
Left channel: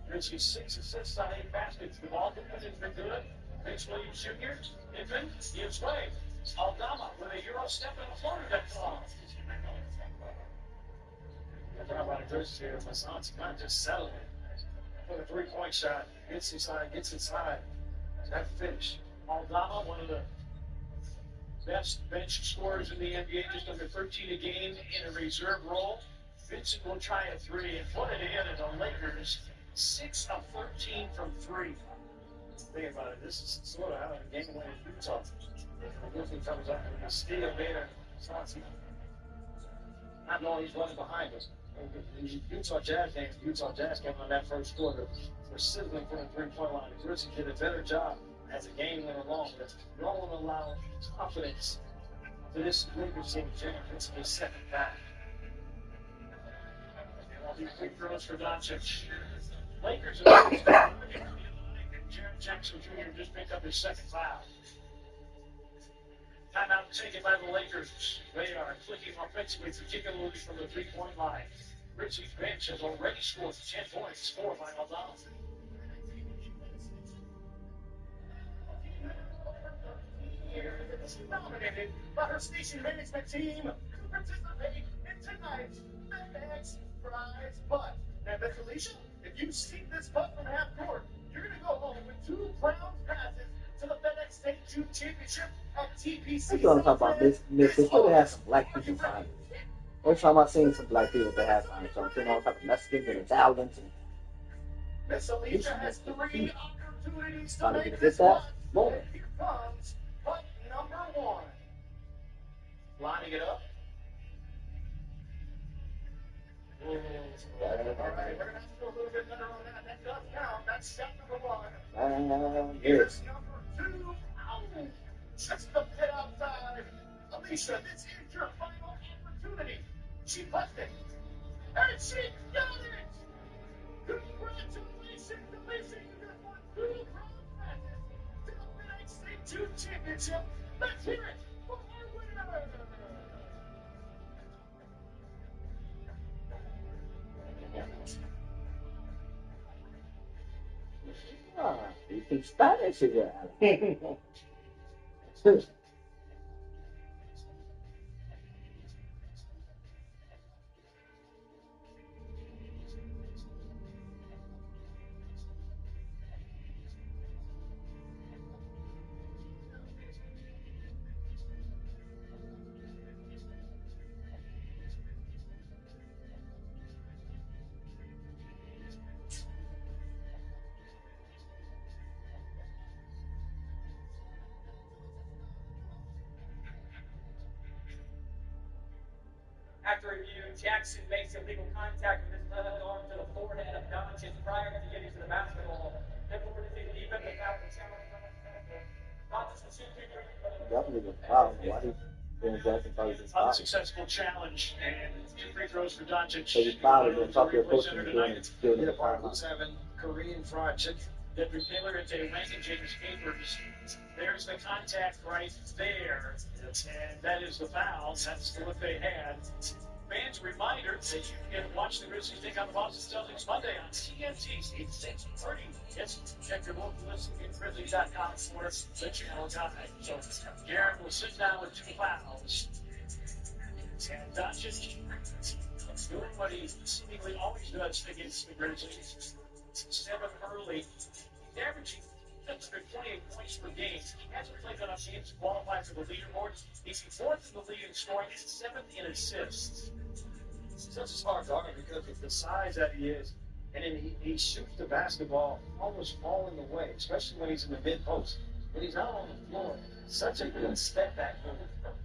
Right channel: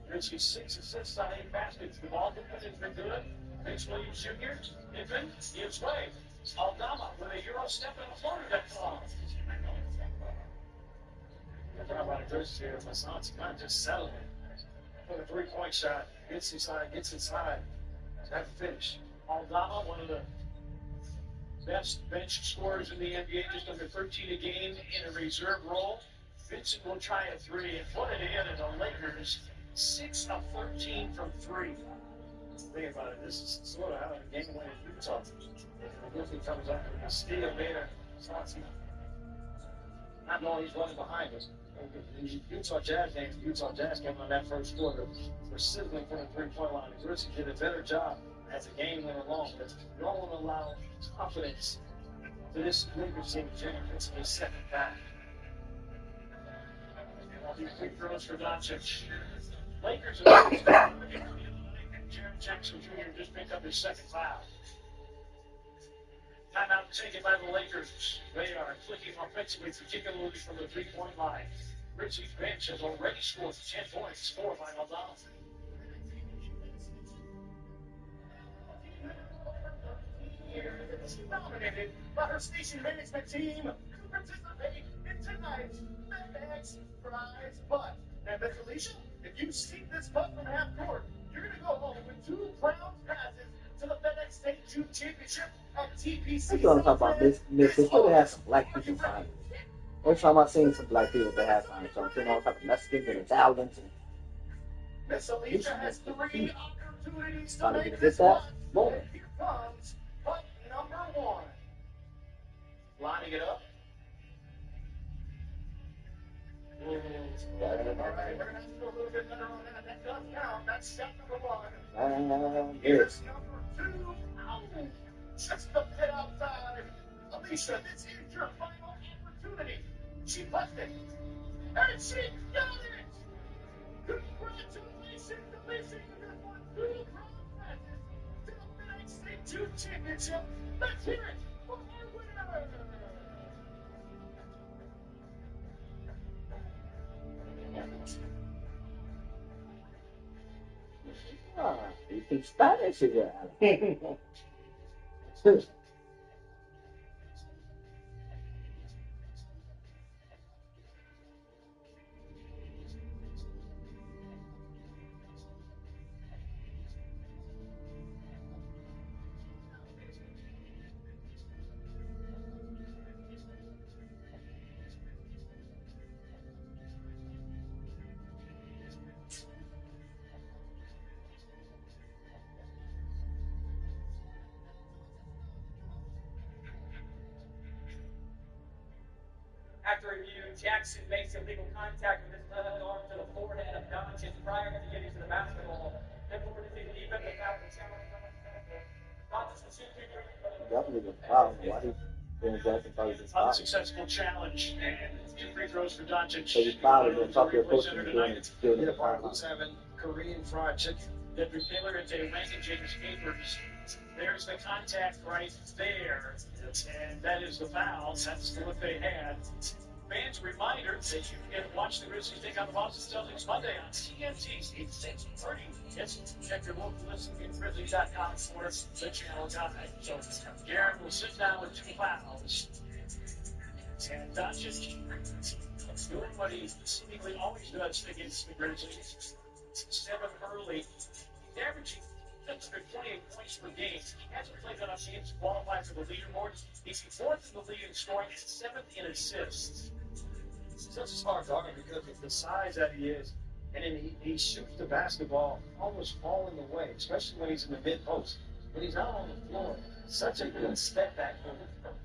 Grizzlies 6 assists on 8 baskets. The ball movement has been good. Vince Williams Jr. Pippen gives way. Aldama with a Euro step and a floater that's off. I'm talking about a Grizzlies here. Massan's kind of just settling for the three-point shot. Gets inside. That finish. Aldama, one of the best bench scorers in the NBA, just under 13 a game in a reserve role. Vincent will try a three and put it in, and the Lakers 6 of 13 from three. Think about it. This is sort of how the game went in Utah. The Grizzlies comes up with a steal there. Massan's not knowing he's running behind him. The Utah Jazz game on that first quarter were sizzling from the three-point line. The Grizzlies did a better job as the game went along. But you don't want to allow confidence to this Lakers team. It's a second back. And all these quick throws for Doncic. Lakers are and Jaren Jackson Jr. just picked up his second foul. Timeout taken by the Lakers. They are clicking offensively, particularly from the three-point line. Grizzlies bench has already scored 10 points, 4 by Aldama. Nominated by her station management team to participate in tonight's FedEx Prize Putt. And Miss Alicia, if you sink this putt from half court, you're going to go home with 2 crown passes to the FedEx State June Championship at TPC. That's what I'm talking about. This they should have some black people finally. Every time I've seen some black people that have finally, so I'm seeing all type of Mexicans and Italians and Miss Alicia has 3 opportunities to trying to make get this that. one. Boom. And here comes putt number 1. Lining it up. All right, we're going to have to go a little bit better on that. That does count. That's shot number 1. Yes. Here's number 2. Ow! Just the pit outside. Alicia, this is your final opportunity. She puts it. And she got it! Congratulations, Alicia. You just won 2 crown passes to the FedEx State June Championship. Let's hear it for our winner. Ah, you speak Spanish again. After review, Jackson makes illegal contact with his left arm to the forehead of Doncic prior to getting to the basketball. Therefore, it is a defensive foul for challenge. Doncic was Definitely was foul. Why he James Jackson probably just fouled? Unsuccessful challenge and 2 free throws for Doncic. So he fouled and then talk to your coach and doing Yeah, the Bart, timeout. who's having Korean fried chicken? Dedrick Taylor and Jay Wang and James Capers. There's the contact right there. And that is the foul. That's what they had. Fans, reminder that you can watch the Grizzlies take on the Boston Celtics Monday on TNT, 6:30. Yes, check your local listing at Grizzlies.com for the channel guide. So, Garrett will sit down with 2 fouls. And Doncic doing what he seemingly always does against the Grizzlies. 7 early. He's averaging 28 points per game. He hasn't played enough games to qualify for the leaderboard. He's 4th in the league in scoring and 7th in assists. Such a smart guard because of the size that he is. And then he shoots the basketball almost falling away, especially when he's in the mid post. When he's out on the floor, such a good step back move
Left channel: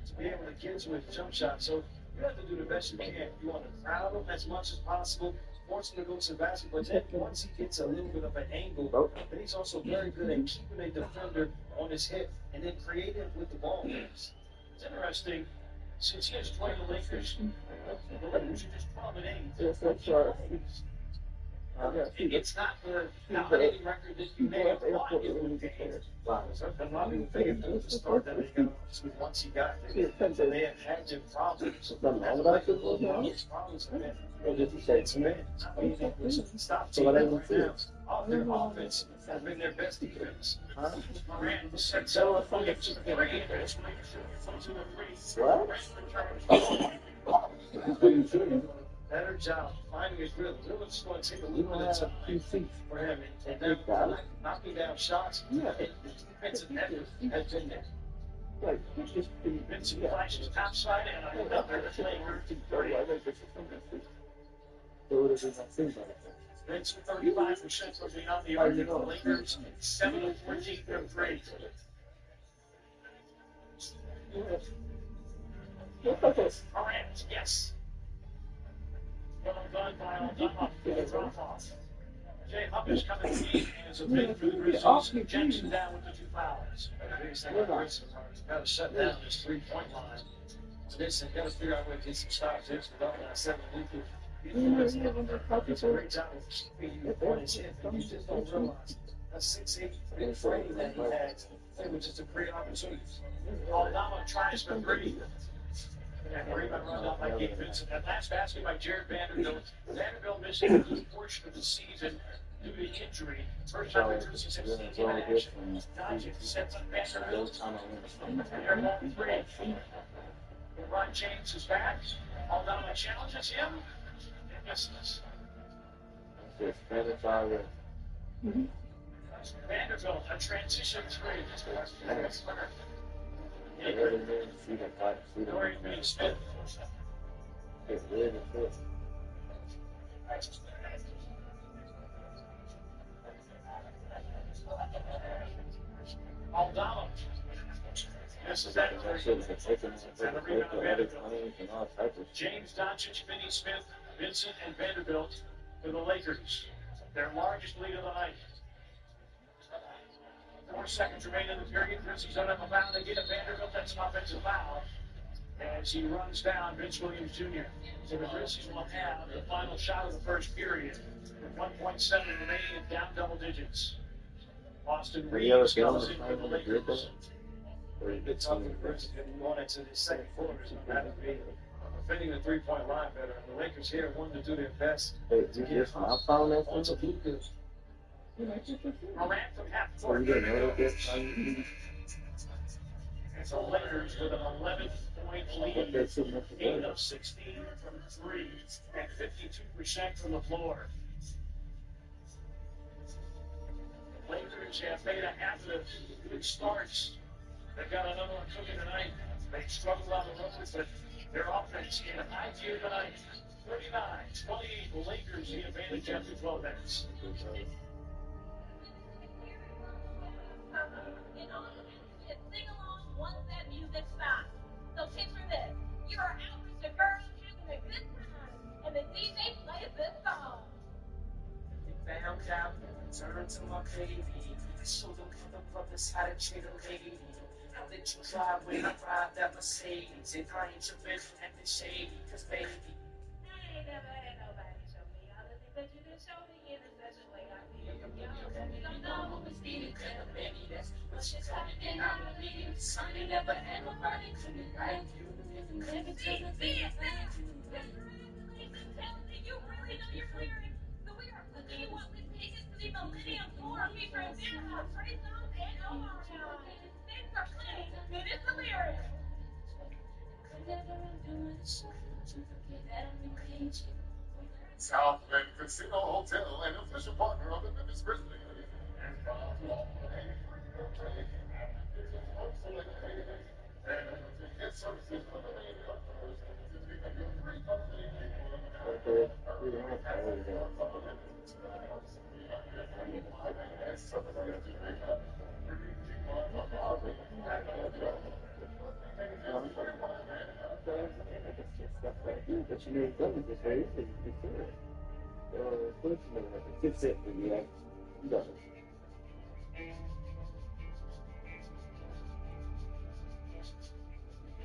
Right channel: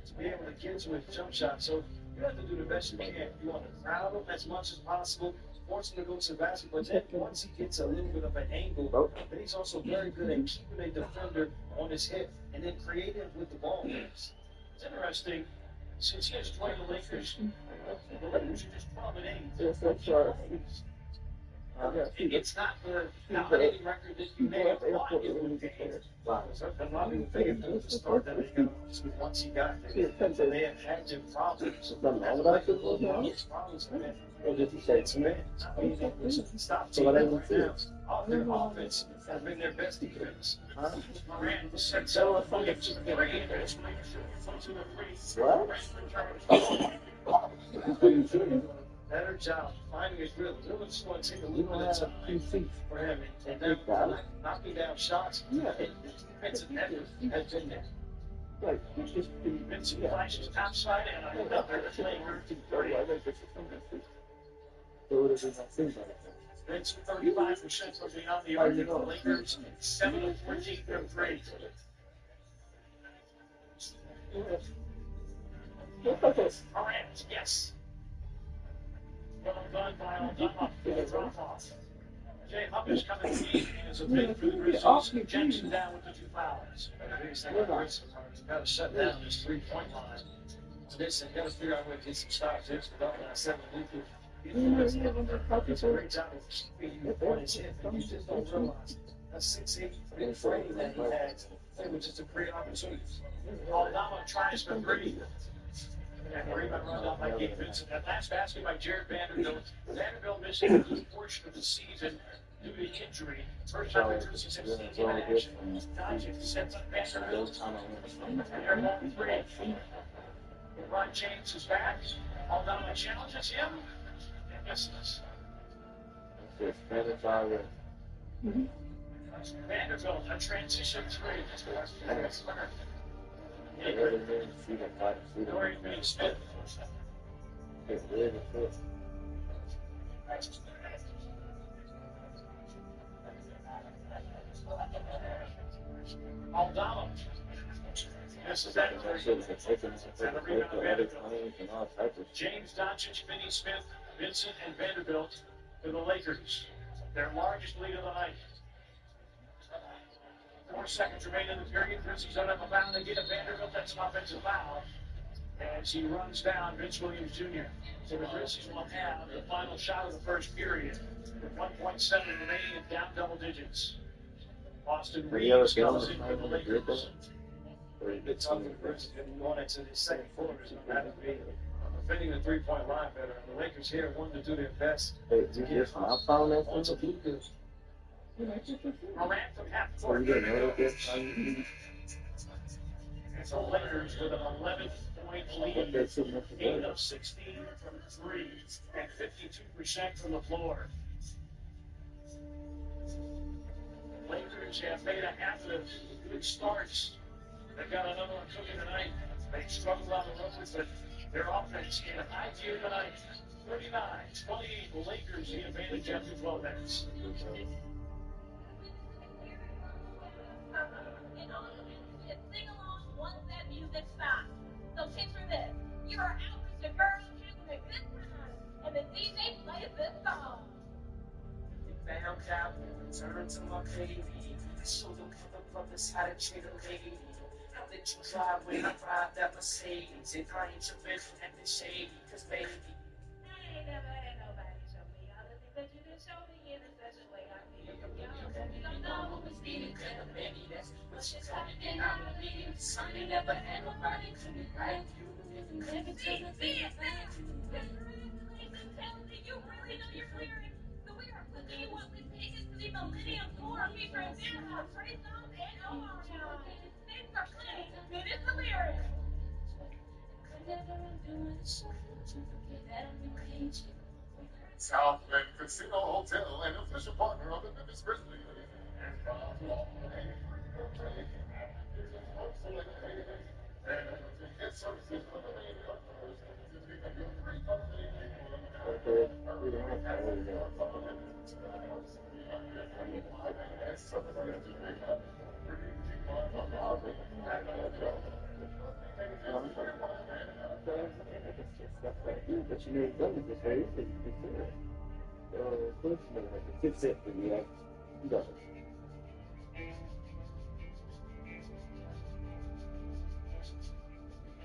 to be able to get to his jump shot. So you have to do the best you can. You want to crowd him as much as possible, force him to go to the basket. But then once he gets a little bit of an angle, then he's also very good at keeping a defender on his hip and then creating with the ball. It's interesting. Since he has joined the Lakers are just 12 and 8. Yes, that's right. It's not the dominating record that you may have thought it would be. Wow. A lot of people think it was the start that they got once he got there. So they have had some problems. Those problems have been. Or did he say It's men. I mean, they stop So what I teams would right say now. Their offense has been their best defense. Morant sets up Williams to the three. What? Better job finding his rhythm. It's just going to take a You little don't bit of have time 2 seats. for him. And then knocking down shots. Yeah. His defensive effort has been there. Like, you just be. Vincent flashes topside and another flanger to 30. Vincent 35% from beyond the arc. The Lakers 7 of 14 from 3. Morant, yes. Well done by Aldama for the drop off. Jay Hubbard's coming to the as a big for the Grizzlies. Jackson down with the 2 fouls. The biggest thing about Grizzlies is got to shut down this 3-point line. So this, got to figure out a way to get some stops. It's without that 7 weekly. It's a great job of keeping you on his hip, and you just don't realize that 6'8" big frame that he had. It was just a great opportunity. Aldama tries for 3. And rebound run out by Gabe Vincent. That last basket by Jared Vanderbilt. Vanderbilt missing a good portion of the season due to injury. First time the Grizzlies have seen him in action. Doncic sets up Vanderbilt. They're long 3. Ron James is back. Aldama challenges him and misses. Vanderbilt, a transition 3. Dorian Finney-Smith. Aldama. This is that. And a rebound Vanderbilt. James Doncic, Finney-Smith, Vincent, and Vanderbilt for the Lakers. Their largest lead of the night. 4 seconds remain in the period. Grizzlies don't have a foul. They get a Vanderbilt. That's an offensive foul. As he runs down Vince Williams Jr. So the Grizzlies will have the final shot of the first period. With 1.7 remaining and down double digits. Austin Reeves comes in for the Lakers. Pretty good talking to the Grizzlies going into the second quarter. So that would be defending the 3-point line better. And the Lakers here wanted to do their best to get onto Luka. Morant from half court. And the Lakers with an 11-point lead. 8 of 16 from 3 and 52% from the floor. The Lakers have made a half of good starts. They've got another one cooking tonight. They struggled on the road, but their offense in high gear tonight. 39-28, the Lakers the advantage after 12 minutes. Sing along once that music stops. So picture this. You're out with your girl having a DJ play this song. Found out when we turned to my baby. I showed them motherfuckers how to treat a lady. How did you drive when I ride that Mercedes? And I ain't your bitch and the shady, cause baby. I ain't never had nobody show me all the things that you can show me in a such a way. I feel from y'all that we don't know what was needed. Tell baby that's what she's having and I believe. Son, you never had nobody to me like you. Never see it. You really know your lyrics. So we are putting you up with tickets to the Millennium Tour featuring Vanderbilt, Trey Songz, and Omar. Things are playing. It is the lyrics. Southland Casino Hotel, an official partner of the Memphis Grizzlies. And but you never done it this way. You consider it. Unfortunately, it's it for you. You got it.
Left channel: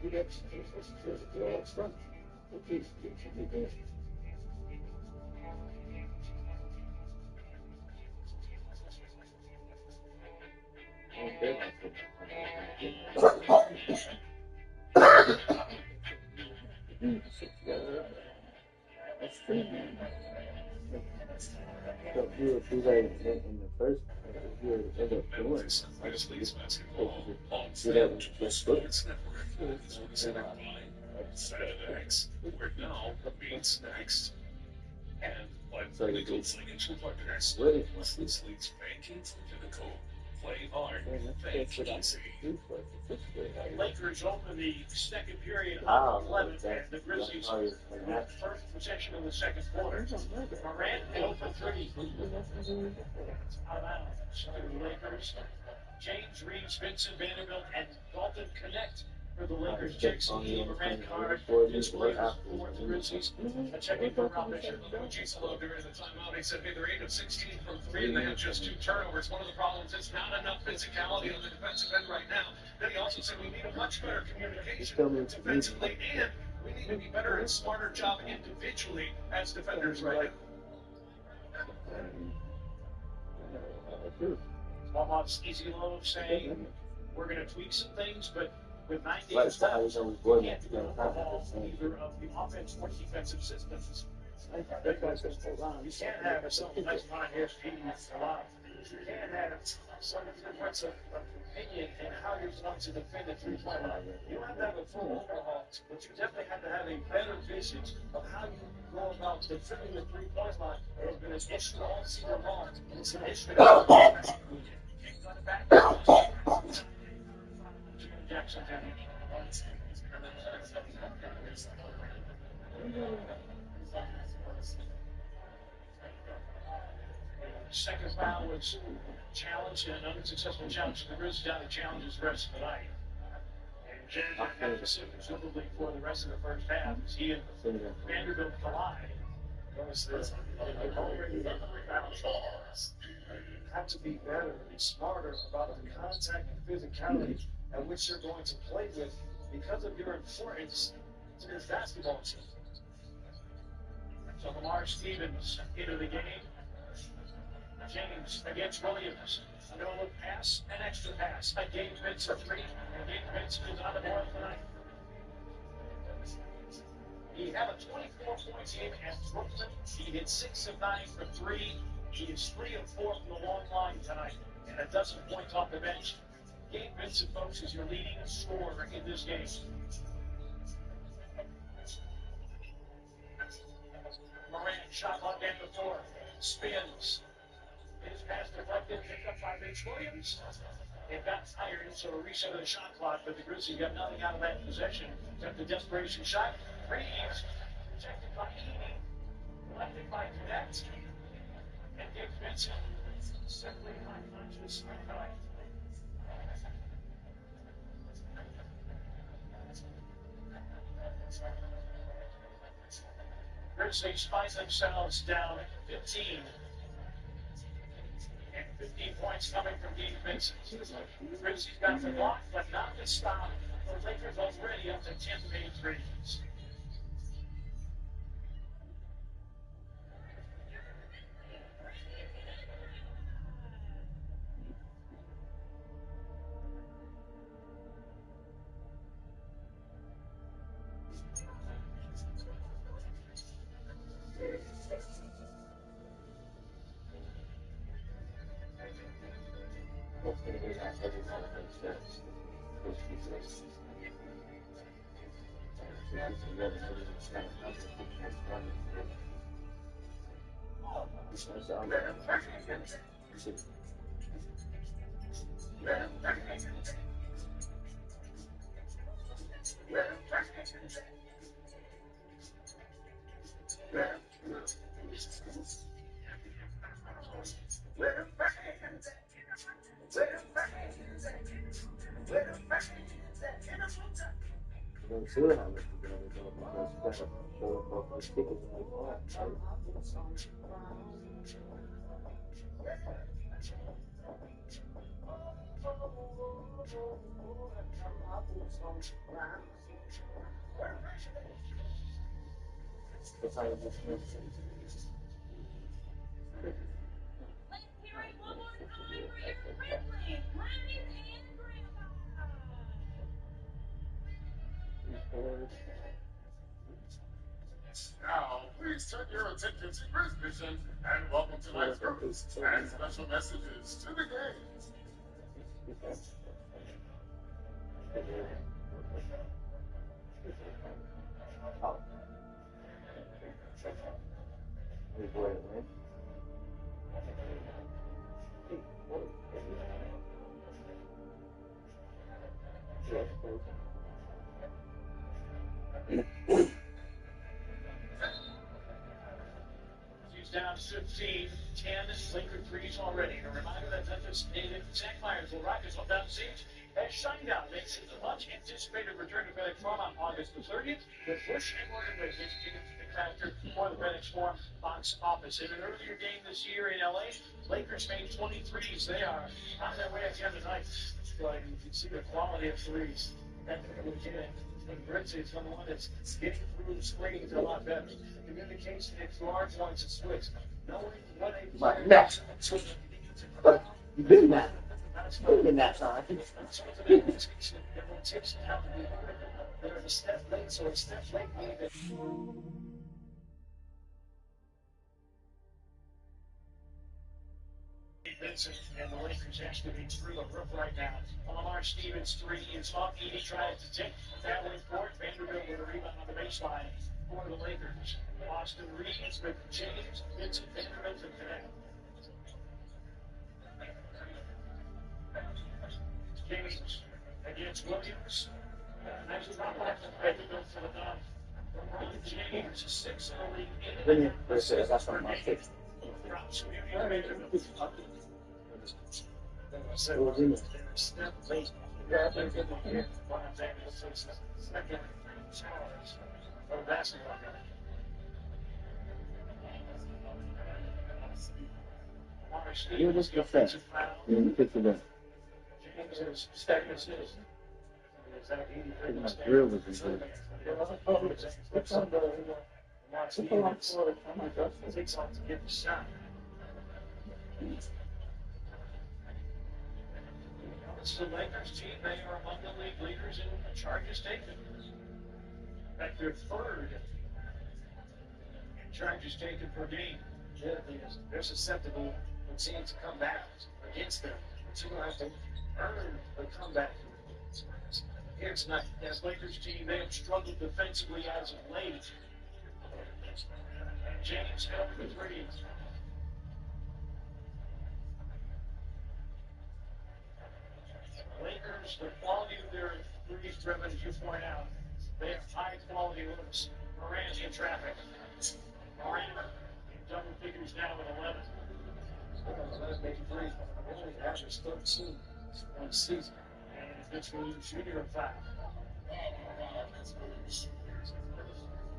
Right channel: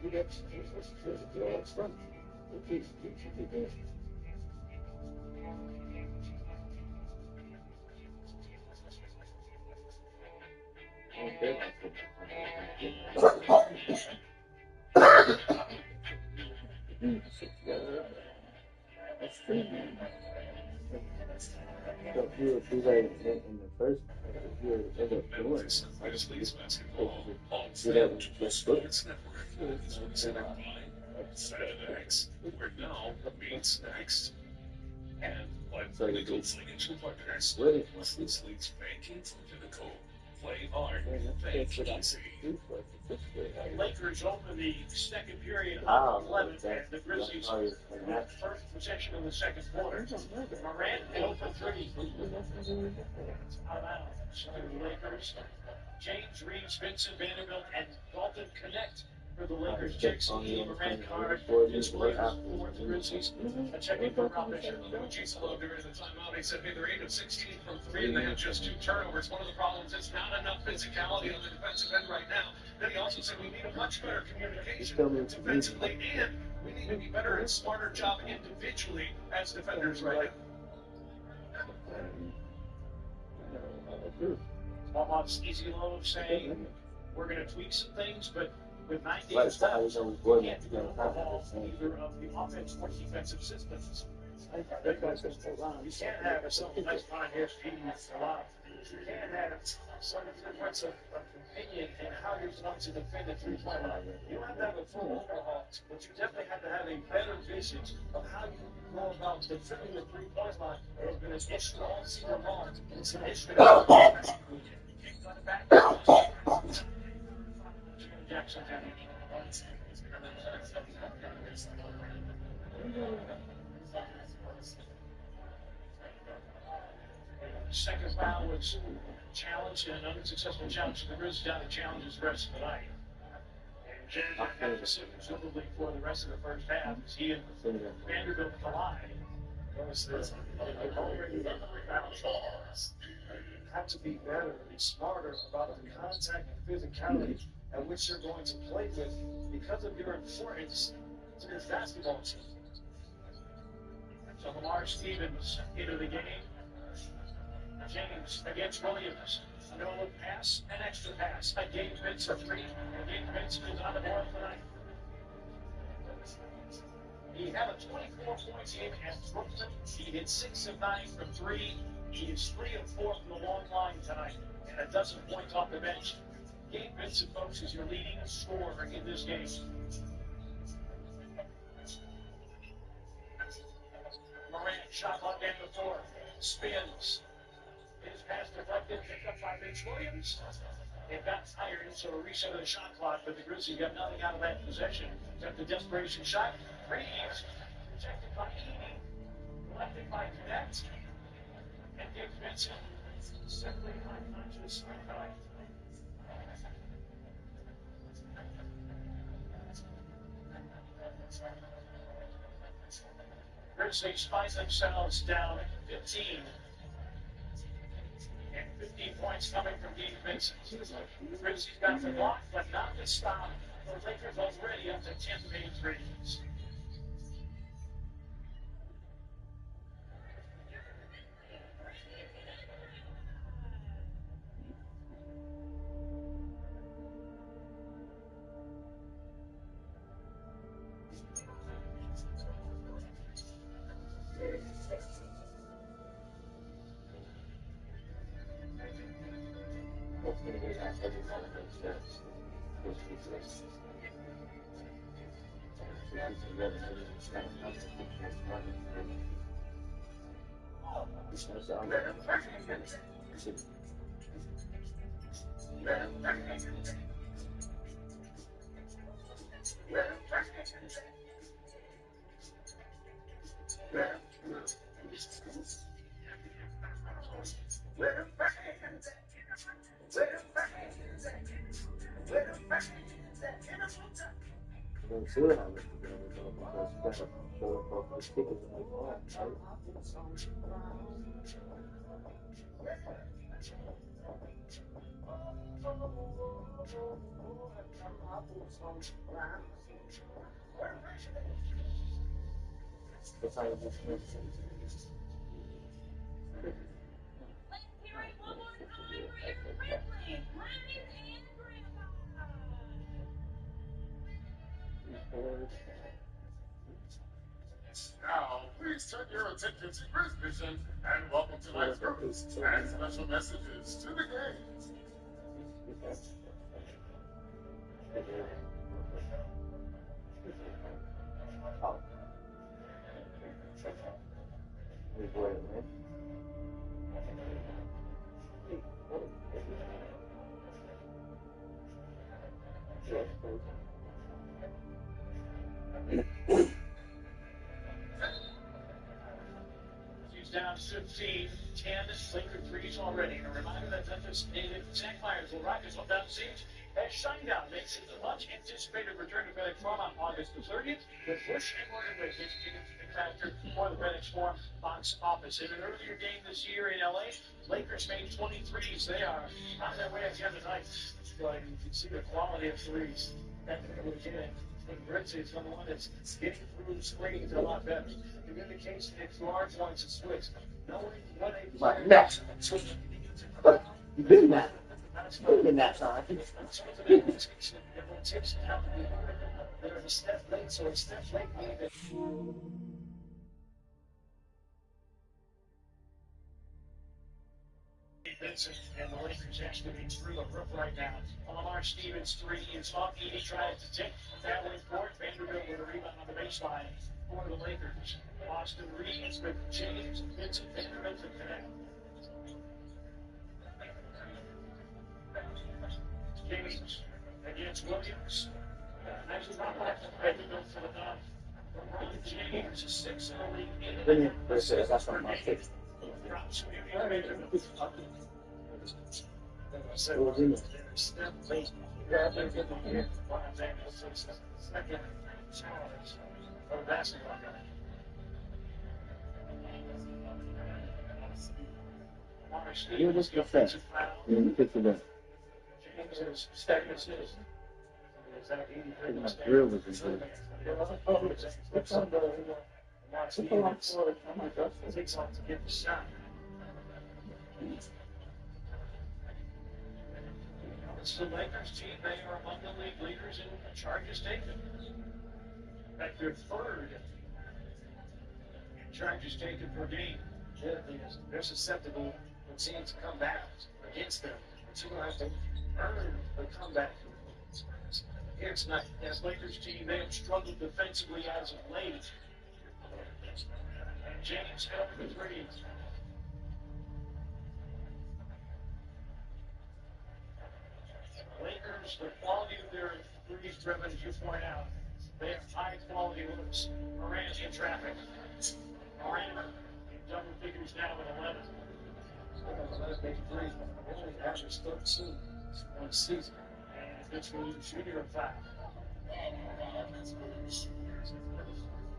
You got it. Front. Okay. That's true. So you would do that in the first, you would end up doing it. Do that with the sports network. Saturdays, where now meets next. And by Pinnacle Financial Partners, Muslims leads banking from Pinnacle. Play hard, bank easy. Lakers open the second period up 11, and the Grizzlies with first possession of the second quarter. Morant 0 for 3. Out of bounds. So the Lakers, James Reeves, Vincent Vanderbilt, and Dalton Connect for the Lakers. Jackson Lee, Morant, Card, Vince Williams for the Grizzlies. A check-in for Rob Fisher. Giselo during the timeout, he said, hey, they're 8 of 16 from 3, and they have just 2 turnovers. One of the problems is not enough physicality on the defensive end right now. Then he also said we need a much better communication defensively, and we need to be better and smarter job individually as defenders right now. Almost easy low saying we're going to tweak some things, but with 9 games left, we can't do an overhaul either of the offense or defensive systems. You can't have some nice behind his teams a lot. You can't have some difference of opinion in how you're going to defend a three-point line. You don't have to have a full overhaul, but you definitely have to have a better vision of how you go about defending the three-point line. It has been an issue all season long, and it's an issue that Jackson second foul was challenged and an unsuccessful challenge. The Grizzlies got to challenge the rest of the night. And Jared had to sit presumably for the rest of the first half as he and Vanderbilt collide. Have to be better and smarter about the contact and physicality at which you're going to play with because of your importance to this basketball team. So Lamar Stevens into the game. James against Williams. A no-look pass, an extra pass. A Gabe Vincent 3, and Gabe Vincent is on the board tonight. He had a 24-point game at Brooklyn. He hit 6 of 9 from 3. He is 3 of 4 from the long line tonight, and a dozen points off the bench. Gabe Vincent, folks, is your leading scorer in this game. Morant shot on down the floor, spins. His pass deflected, picked up by Vince Williams. It got tired, so a reset of the shot clock, but the Grizzlies got nothing out of that possession. Except the desperation shot. Reeves, rejected by Edey, collected by Connect, and Gabe Vincent simply unconscious tonight. Grizzlies find themselves down 15. And 15 points coming from Gabe Vincent. Grizzlies got the block, but not the stop. The Lakers already up to 10 made threes. Now, please turn your attention to Grizz Vision and welcome tonight's groups and special messages to the game. He's down 15, 10 Laker threes already. And a reminder that Memphis native Zach Myers will rock his hometown siege as Shinedown makes it the much anticipated return to FedEx Forum on August the 30th with Bush and Morgan Wade getting tickets to the factor for the FedEx Forum box office. In an earlier game this year in LA, Lakers made 23s. They are on their way again tonight. So you can see the quality of threes. That's legit. And Grizzlies is the one that's getting through the screens a lot better. Communication at large points of switch. Knowing what a player next. You've been that. You've been that time. They're a step late, so a step late maybe. Vincent and the Lakers actually being through a roof right now. Lamar Stevens 3 is off. Edie trying to take that way forward. Vanderbilt with a rebound on the baseline for the Lakers. Austin Reeves with James, Vincent, Vanderbilt to connect. James against Williams. Nice drop off to Vanderbilt for the dunk. LeBron James, 6 in the league. That's one of my favorites. Drops Vanderbilt. Step late. Second charge for the basketball game. You just get that. You get to that. James is second assist. My grill was in good. Takes on to get the shot. It's the Lakers team. They are among the league leaders in charges taken. In fact, they're third in charges taken per game. They're susceptible when teams come back against them. But you're going to have to earn the comeback. Here tonight, as Lakers team, they have struggled defensively as of late. And James held the three. Lakers, the quality of their threes driven, as you point out, they have high quality looks. Morant in traffic. Morant in double figures now at 11. Let's make threes. Only averaged 13 one season. And Mitch Williams Jr. 5.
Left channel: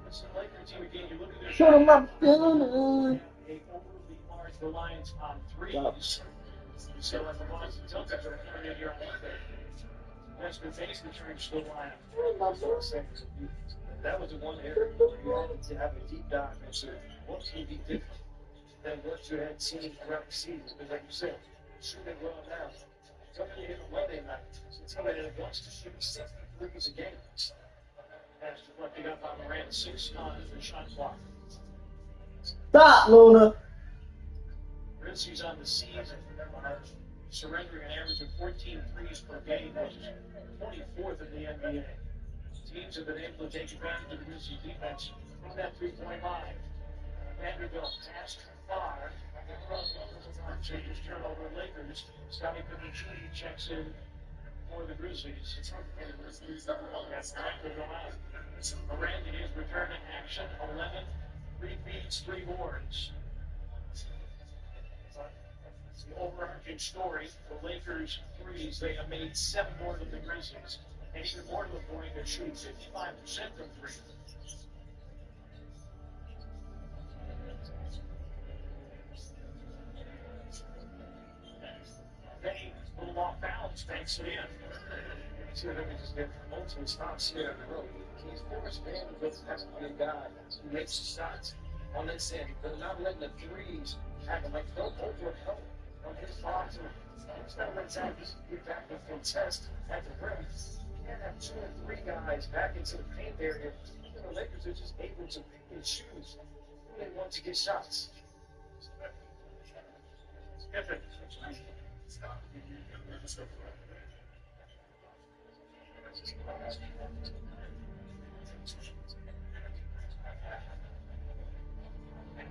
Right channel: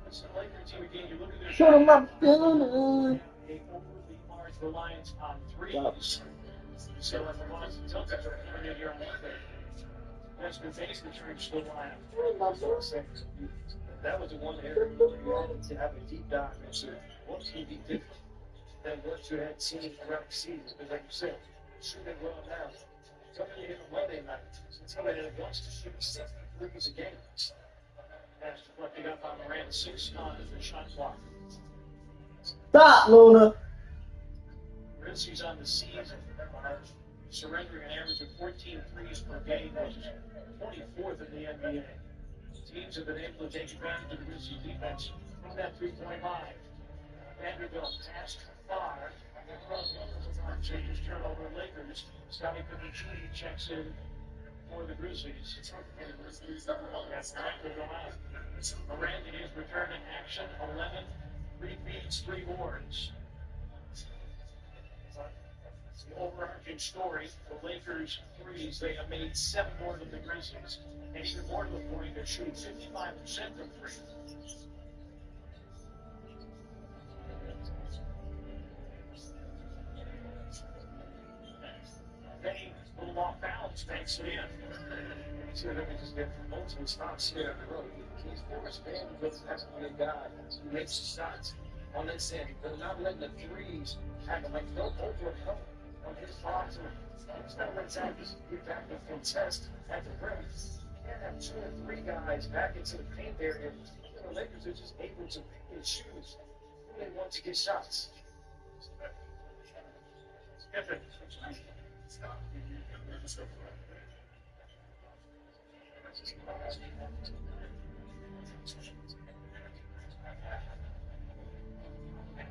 This is the Laker team again. You look at their Shoot 'em up, a overly large reliance on threes. You see like the Boston Celtics are coming in here on Monday. Desmond Bates returns to the lineup. That was the one area where you had to have a deep dive into what's going to be different than what you had seen throughout the season. Because like you said, shooting well now. Somebody hit on Monday night. Somebody that wants to shoot 60 threes a game. That's reflecting up on Morant 6 on the shot clock. Stop, Luna. Grizzlies on the season surrendering an average of 14 threes per game, which is 24th in the NBA. Teams have been able to take advantage of the Grizzlies defense from that three-point line. Vanderbilt passed far. Changes turnover Lakers. Scottie Pippen Jr. checks in for the Grizzlies. Morant in his return in action, 11, 3 feeds, 3 boards. The overarching story, the Lakers threes, they have made 7 more than the Grizzlies. And even more to the point, they're shooting 55% from 3. Many little off balance banks it in. See if they can just get ultimate stops here in the road. He's forced Vanderbilt has to be a guy who makes the shots on this end. They're not letting the threes happen. Like, they'll overhelp on his box. It's not what exactly get back and contest at the rim. You can't have 2 or 3 guys back into the paint area. The Lakers are just able to pick and choose who they want to get shots.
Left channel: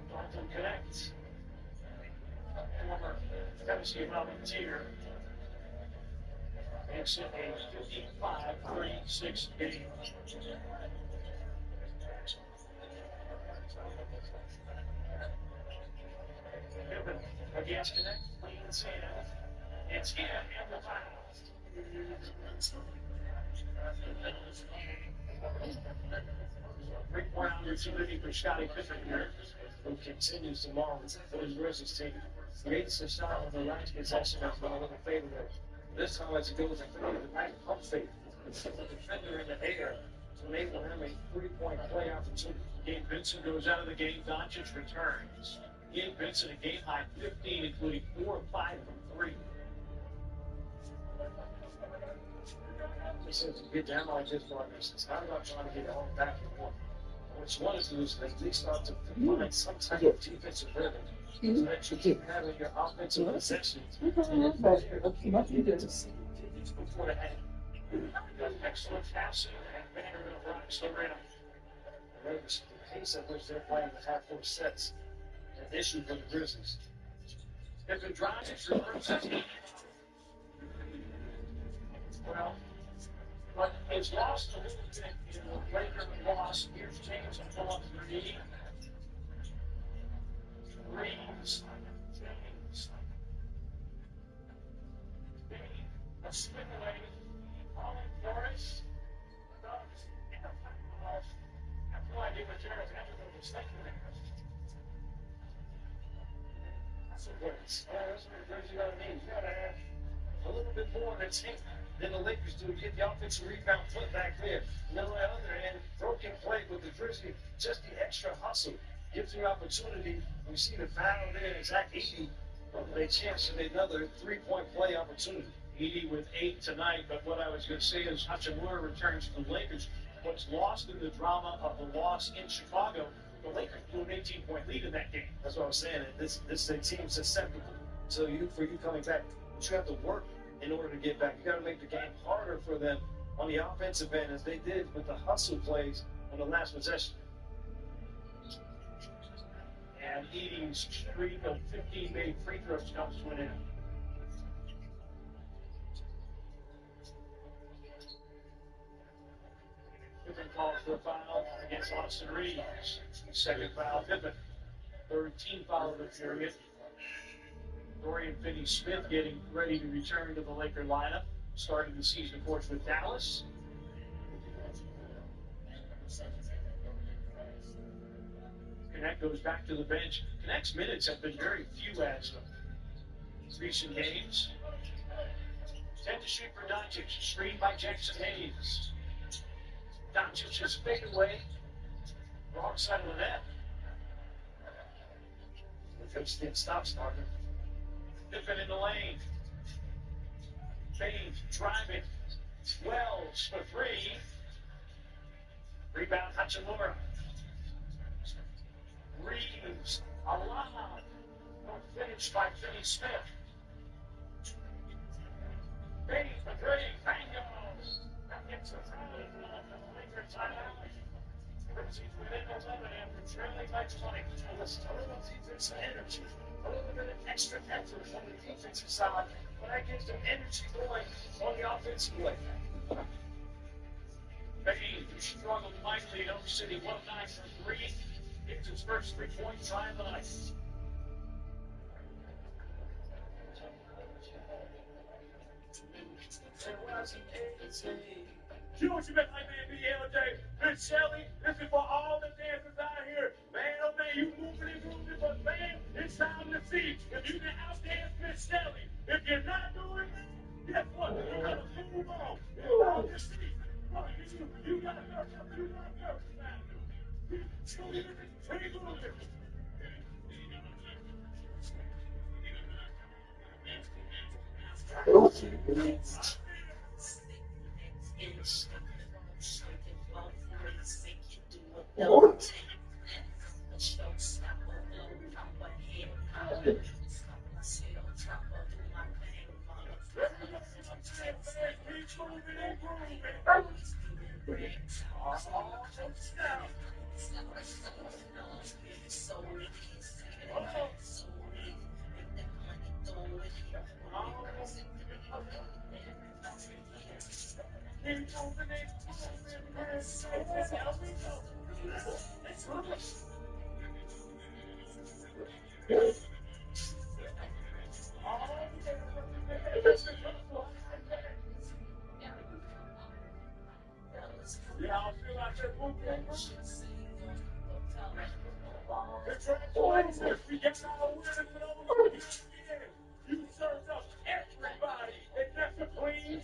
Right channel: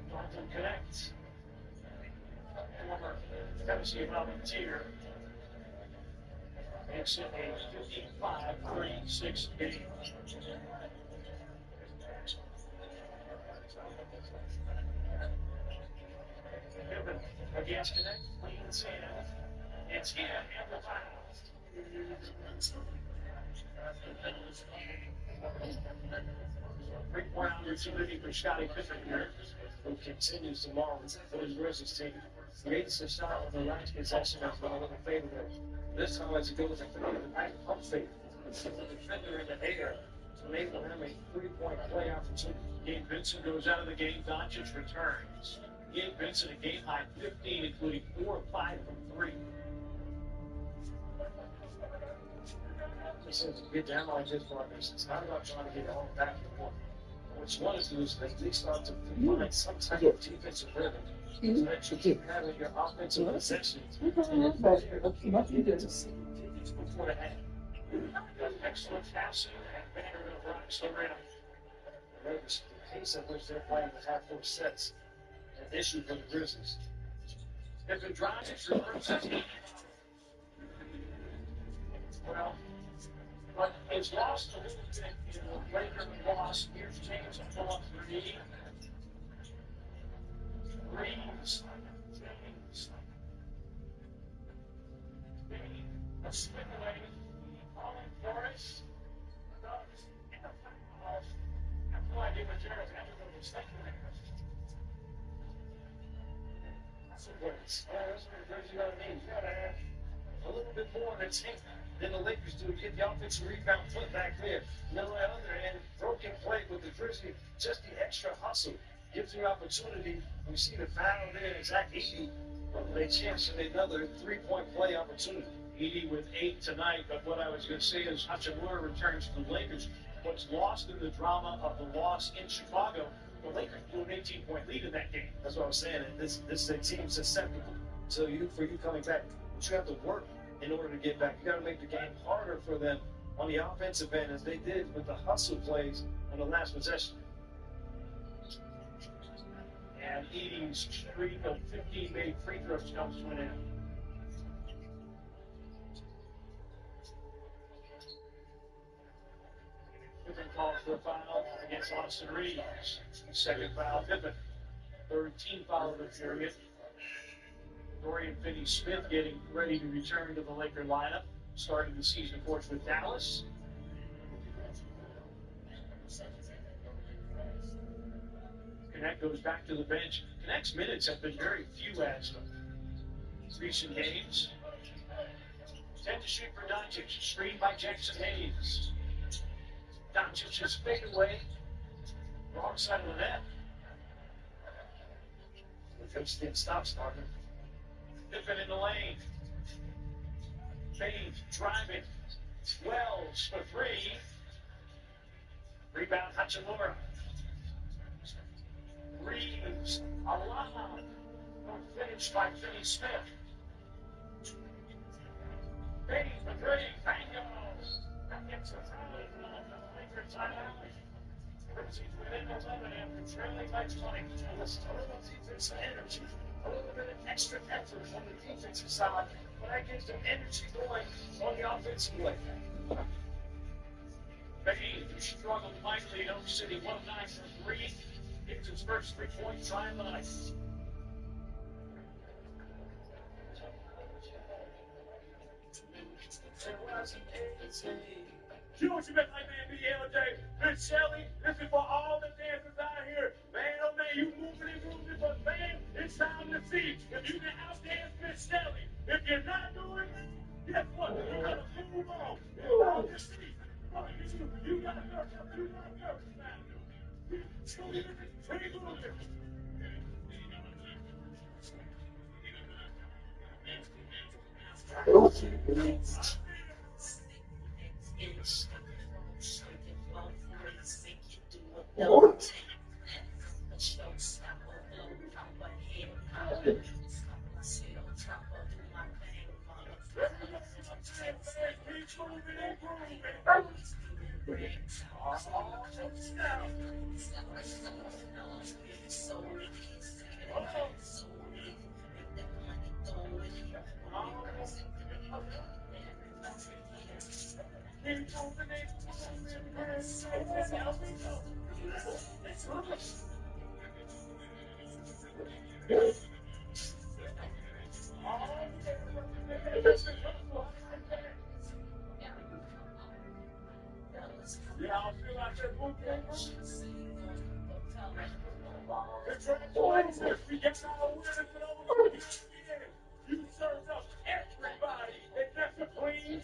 Dalton connects. Former Tennessee Volunteer makes it a 55-36 game. Pippen against Connect, leans in. It's in and the foul. 3-point opportunity for Scottie Pippen here, who continues to maul for his Grizzlies team. Creates a shot on the last possession that's been a little favorable. This time as he goes to the right pump fake, the defender in the air to enable him a 3-point play opportunity. Gabe Vincent goes out of the game. Doncic returns. Gabe Vincent a game high 15, including 4 of 5 from 3. To get down like this for others. It's not about trying to get all back and forth. What you want to do is at least start to find some type of defensive rhythm so that you keep having your offensive possessions. And then from there, you get to see digits before the half. Excellent passing, and Vanderbilt rocks the rim. The pace at which they're playing the half-court sets an issue for the Grizzlies. Pippen drives, reverses. Well, what is lost a little bit in the Lakers loss. Here's James to pull up 3. James. A spin away. Falling for it. And a foul. I have no idea what Jared Vanderbilt was thinking there. That's what that's what the Grizzlies got to need. You got to have a little bit more in the tank than the Lakers do. Get the offensive rebound, flip back there. And then on the other end, broken play with the Grizzlies, just the extra hustle gives you opportunity. We see the foul there, Zach Edey. They chance in another 3-point play opportunity. Edey with 8 tonight, but what I was going to say is Hachimura returns to the Lakers. What's lost in the drama of the loss in Chicago, the Lakers blew an 18-point lead in that game. That's what I was saying. This is a team susceptible. So for you coming back, but you have to work in order to get back. You got to make the game harder for them on the offensive end, as they did with the hustle plays on the last possession. And Edey's streak of 15 made free throws comes to an end. Pippen calls for a foul against Austin Reeves. Second foul, Pippen. Third team foul of the period. Dorian Finney-Smith getting ready to return to the Laker lineup. Starting the season, of course, with Dallas. Connect goes back to the bench. Connect's minutes have been very few as of recent games. 10 to shoot for Doncic. Screened by Jackson Hayes. Doncic is fade away. Wrong side of the net. The coach didn't stop starting. Pippen in the lane. Payne driving. Wells for three. Rebound Hachimura. Reeves. A lob. Finished by Finney Smith. Payne for three. Bingo. That gets a three. Lakers timeout. Grizzlies within 11 after trailing by 20. And this a little defensive energy. A little bit of extra effort on the defensive side. But that gives them energy going on the offensive way. Payne, who struggled mightily in Oak City, 1 of 9 for 3. Gets his first 3-point try of the night. You know what you meant like man be the other day? Miss Shelley, this is for all the dancers out here. Man, oh man, you moving and grooving, but man, it's time to see if you can outdance Miss Shelley. If you're not doing it, guess what? You gotta move on. It's time to see. You gotta go. You gotta go. Keep moving. You served up everybody except the Queen.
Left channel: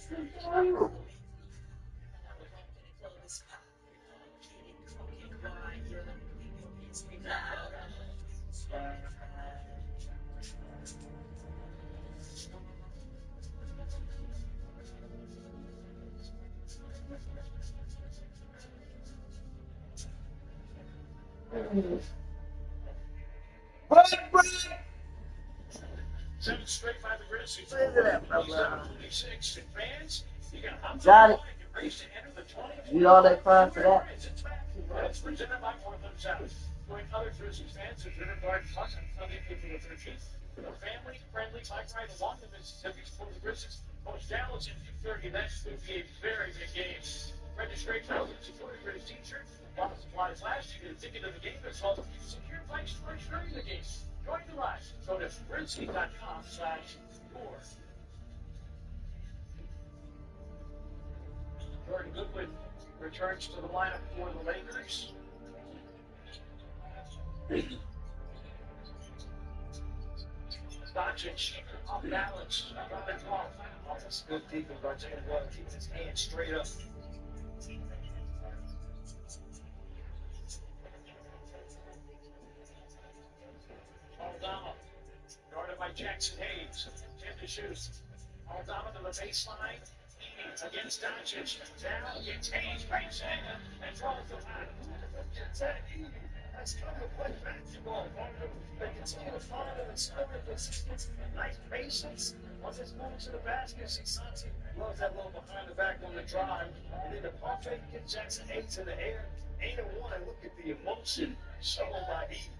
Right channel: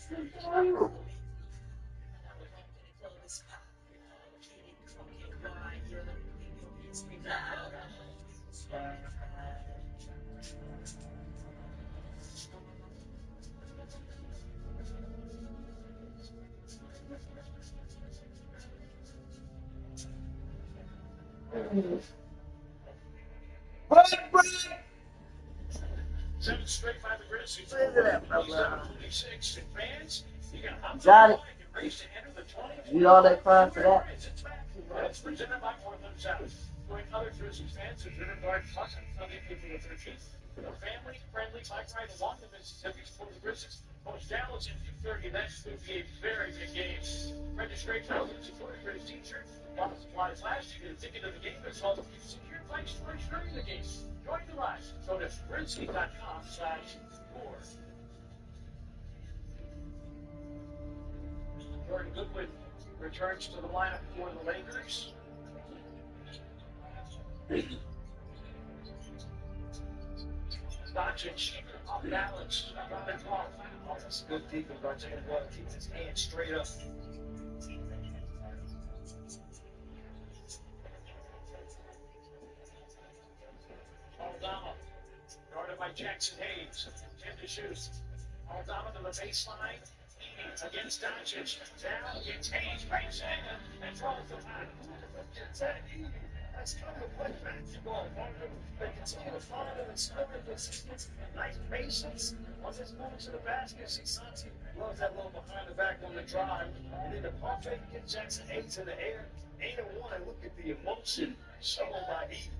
Seven straight by the Grizzlies. 26 fans. You got Johnny, race to enter the 20. you all that crying for that? It's presented by Portland South. Join other Grizzlies fans at River Garden Plus on Sunday, April 13th. A family-friendly bike ride along the Mississippi for the Grizzlies. Coach Dallas in 2:30. That's going to be a very big game. Registration is supported for his t-shirt. While supplies last, you get a ticket to the game as well as secure bike storage during the game. Join the ride. Go to Grizzly.com/tour. Jordan Goodwin returns to the lineup for the Lakers. Doncic off balance. That's good defense by Jalen Butler. Keeps his hands straight up. Aldama, guarded by Jackson Hayes. 10 to shoot. Aldama to the baseline. Against Doncic. Down gets Hayes, breaks in, and draws the line. That's come to play basketball. They continue to find him and score with nice patience. Once it's moving to the basket, Santi loves that little behind the back on the drive. And then the pump fake gets Jackson Hayes in the air. 8-1. Look at the emotion shown by Edey.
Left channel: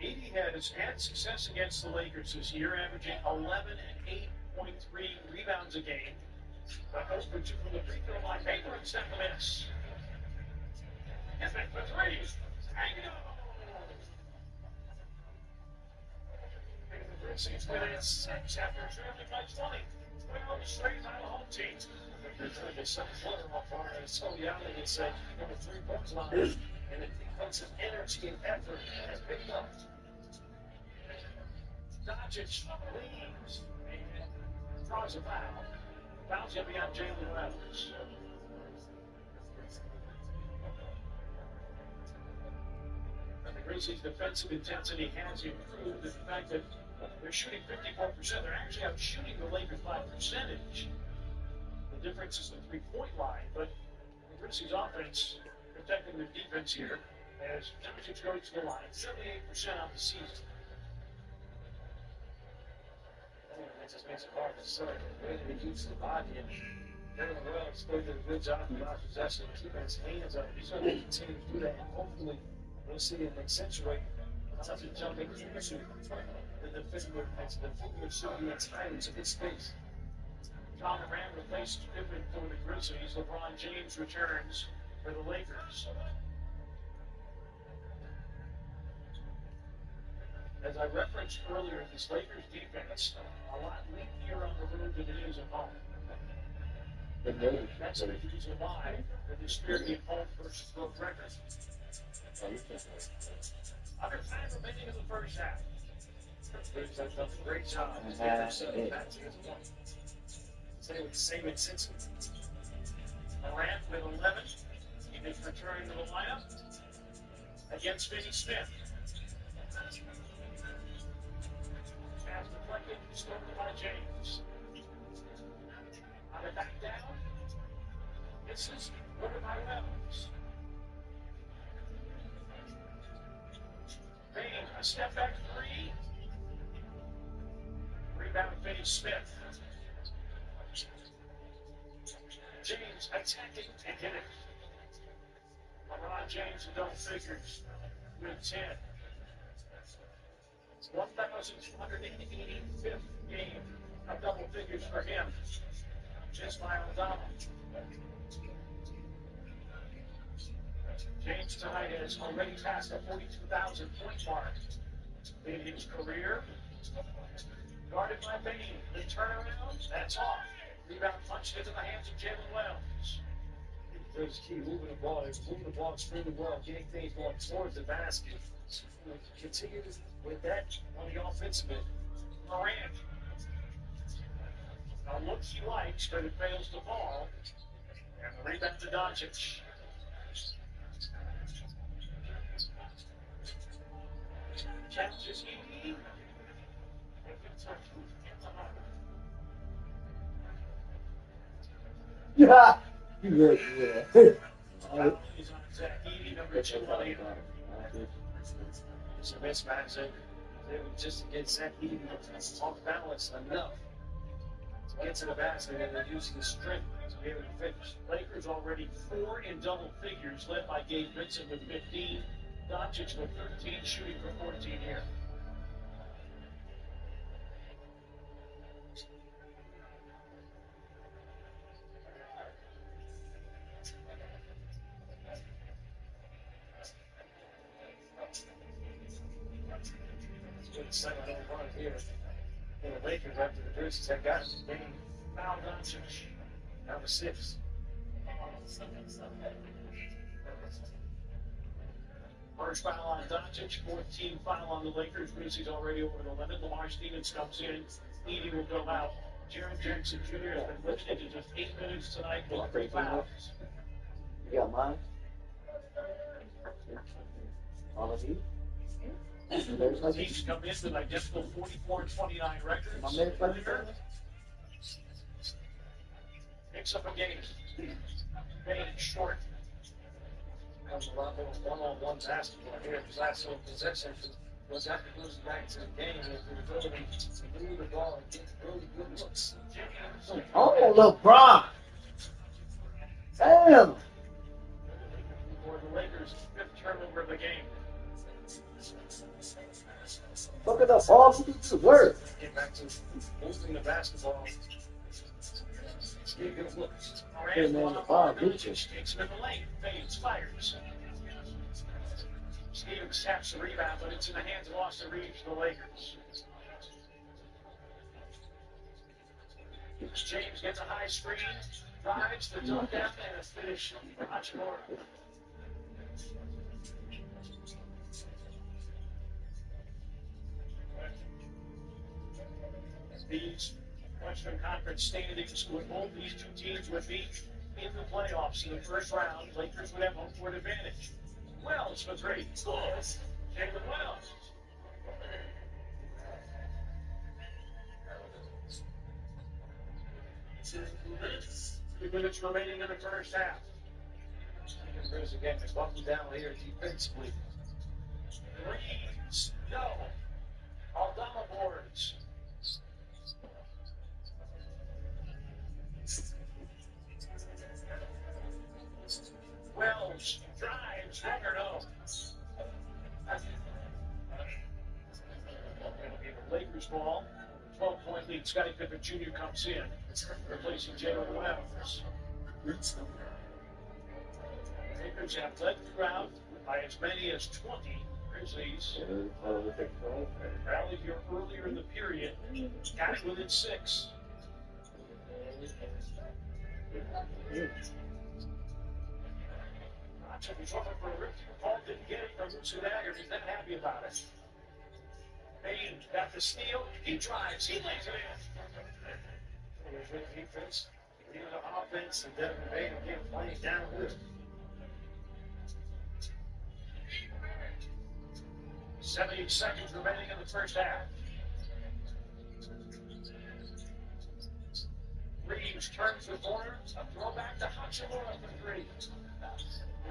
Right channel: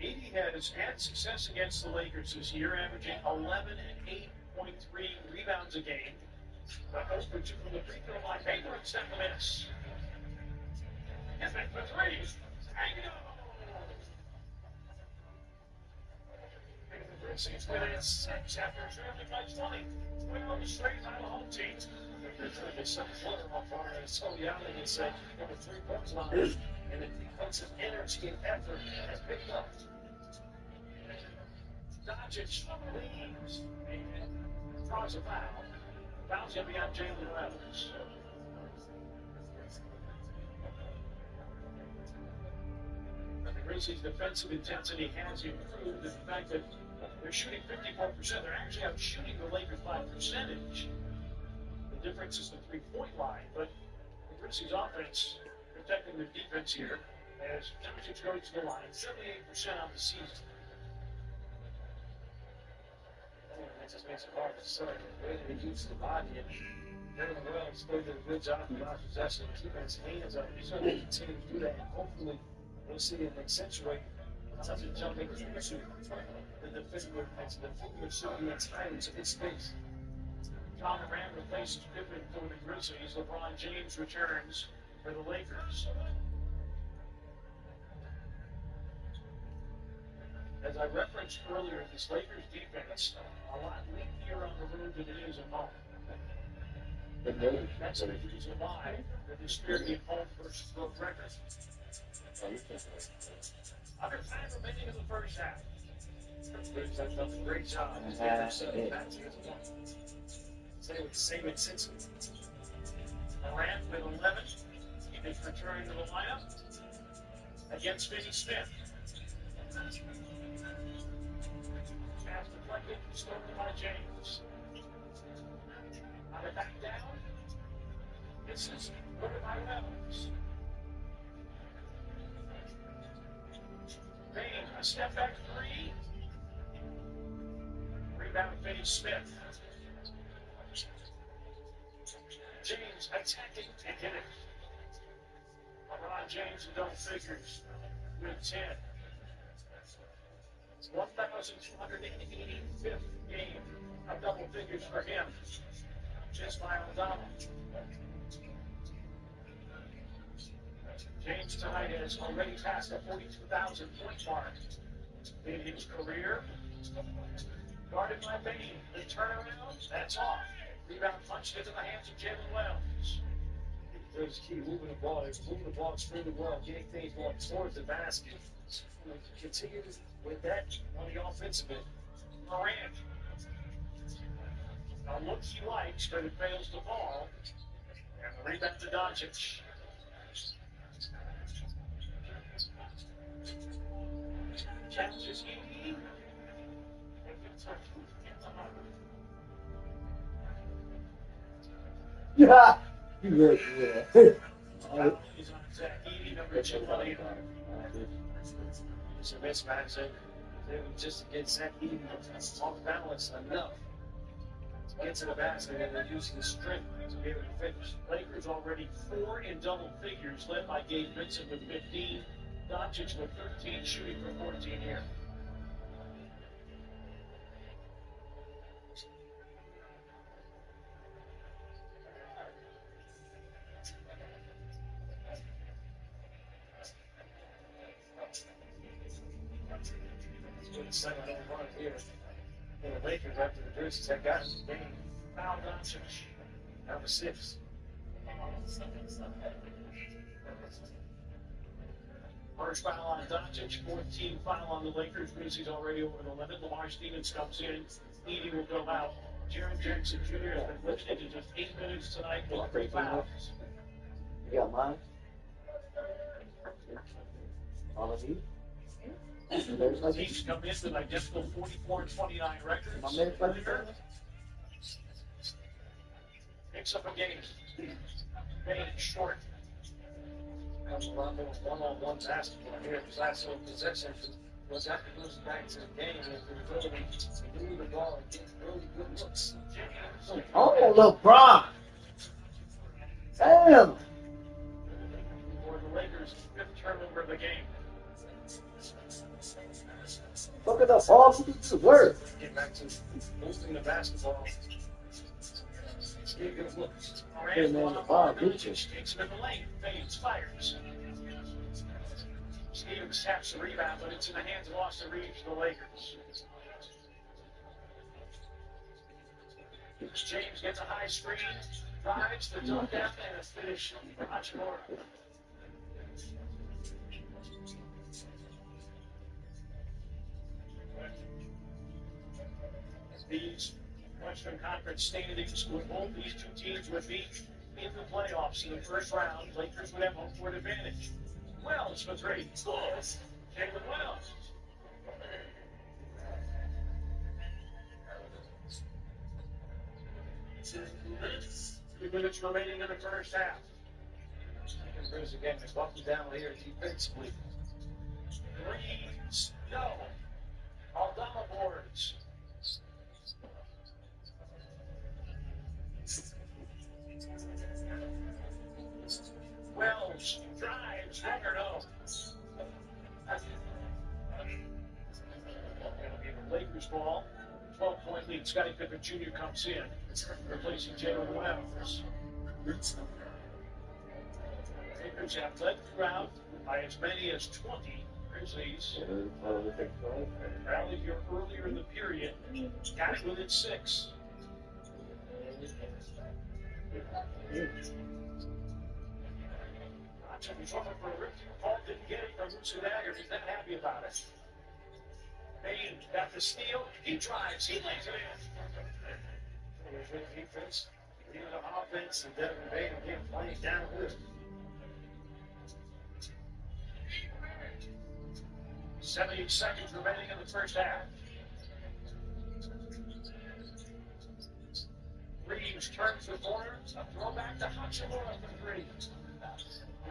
Edey has had success against the Lakers this year, averaging 11 and 8.3 rebounds a game. Goes for 2 from the free throw line. Paper and set the miss. And then for 3. Tango! The Grizzlies within 6 after trailing by 20. 12 straight by the home team. There's going to be some flutter off our Soliani would say, on the 3-point line. And the defensive energy and effort Doncic leaves and draws a foul. Foul's going to be on Jalen Reynolds. The Grizzlies' defensive intensity has improved. The fact that they're shooting 54%, they're actually out shooting the Lakers by percentage. The difference is the three-point line, but the Grizzlies' offense protecting their defense here as Doncic goes to the line, 78% on the season. That just makes it hard to say. The way that he keeps the body and Jalen Wells still did a good job of not possession and keeping his hands up. He's going to continue to do that, and hopefully we'll see him accentuate such a jumping into the defender should be entitled to his space. John Moran replaces Pippen for the Grizzlies. LeBron James returns for the Lakers. As I referenced earlier, this Lakers defense a lot leakier on the road than it is at home. That's the reason why the disparity at home versus both records. Under time remaining in the first half. They've done a great job. Back to the point. Say with the same intensity. Morant with 11. He is returning to the lineup against Finney Smith. Pass deflected, stolen by James. On the back down. This is ordered by Reynolds. Payne, a step back three. Rebound Finney Smith. James attacking and hit it. LeBron James in double figures with 10. It's 1,285th game of double figures for him. Just by O'Donnell. James tonight has already passed the 42,000 point mark in his career. Guarded by Payne. The turnaround, that's off. Rebound punched into the hands of Jalen Wells. There's key moving the ball. They're moving the ball extremely well, getting things going towards the basket. Continue with that on the offensive end. Morant. A look he likes, but it fails to fall. And the rebound to Doncic. Challenges Edie. Yeah. You good, yeah. He's on attack. Edie, number 2 on the It's a mismatch. They were just to get Zach Edey off balance enough to get to the basket, and they're using the strength to be able to finish. Lakers already 4 in double figures, led by Gabe Vincent with 15. Doncic with 13, shooting for 14 here. The second run here. And the Lakers, after the Grizzlies had gotten the game, Foul Doncic. number 6. First foul on Doncic, 14 foul on the Lakers. Grizzlies already over the limit. Lamar Stevens comes in. Edie will go out. Jaren Jackson Jr. has been limited to just 8 minutes tonight with 3 fouls. You got mine? All of you? Teams come in with identical 44-29 records. My minutes left. Picks up a game. Payne short. Comes a lot more one-on-one basketball here. His last little possession was after goes back to the game with the ability to move the ball and get really good looks. Oh, LeBron! Damn! For the Lakers' 5th turnover of the game. Look at the ball to the work. Get back to moving the basketball. Get good looks. Hey, man, LeBron beat you. Takes him in the lane. Fades, fires. Stevens taps the rebound, but it's in the hands of Austin Reeves, the Lakers. James gets a high screen, drives the dunk down, and a finish for Hachimura. These Western Conference standings would hold these two teams would meet in the playoffs in the first round. Lakers would have home court advantage. Wells for three. Scores. Jalen Wells. 2 minutes remaining in the first half. Grizz again, they buckled down here defensively. Threes. No. Aldama boards. Wells drives. Runner no. It'll be the Lakers ball. 12-point lead. Scottie Pippen Jr. comes in, replacing Jalen Wells. Lakers have led throughout by as many as 20. Grizzlies rallied here earlier in the period, got it within 6. Took his over for a rip. Paul didn't get it from Musadagger. He's not happy about it. Bain got the steal. He drives. He lays it in. There's good defense, leading the offense, and Devin Bain again playing downhill. 70 seconds remaining in the first half. Reeves turns the corner. A throwback to Hachimura for three.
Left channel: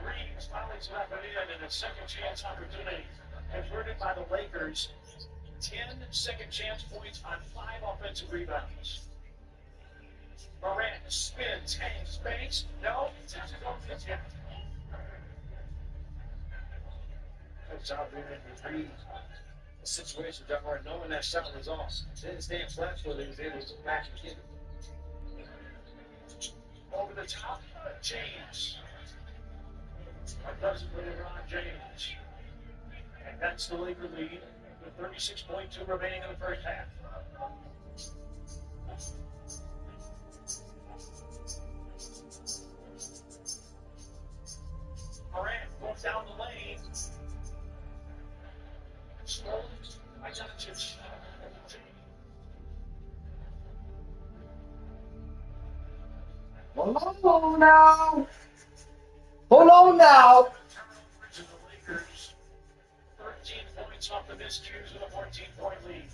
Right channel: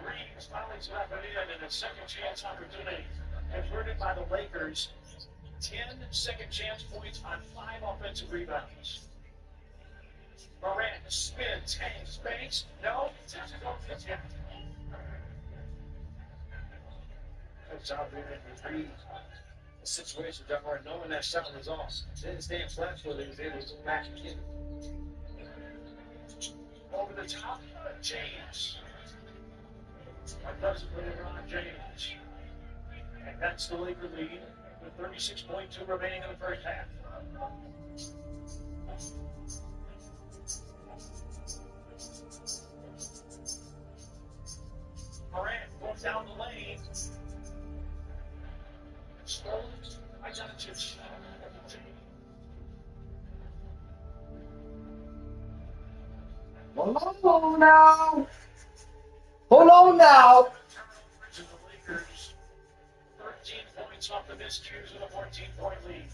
Reeves finally left it in, and a second chance opportunity converted by the Lakers. 10 second chance points on 5 offensive rebounds. Morant spins, hangs, banks. No, just don't hit yet. Comes out there and read the situation, John Moore, knowing that shot was off. Didn't stand flat footed, he was able to go back and get it. Over the top, James. What does it for LeBron James? And that's the Laker lead with 36.2 remaining in the first half. Morant goes down the lane. Stolen by Doncic. Hold on now. Hold on now. The Lakers, 13 points off the miscues with a 14-point lead.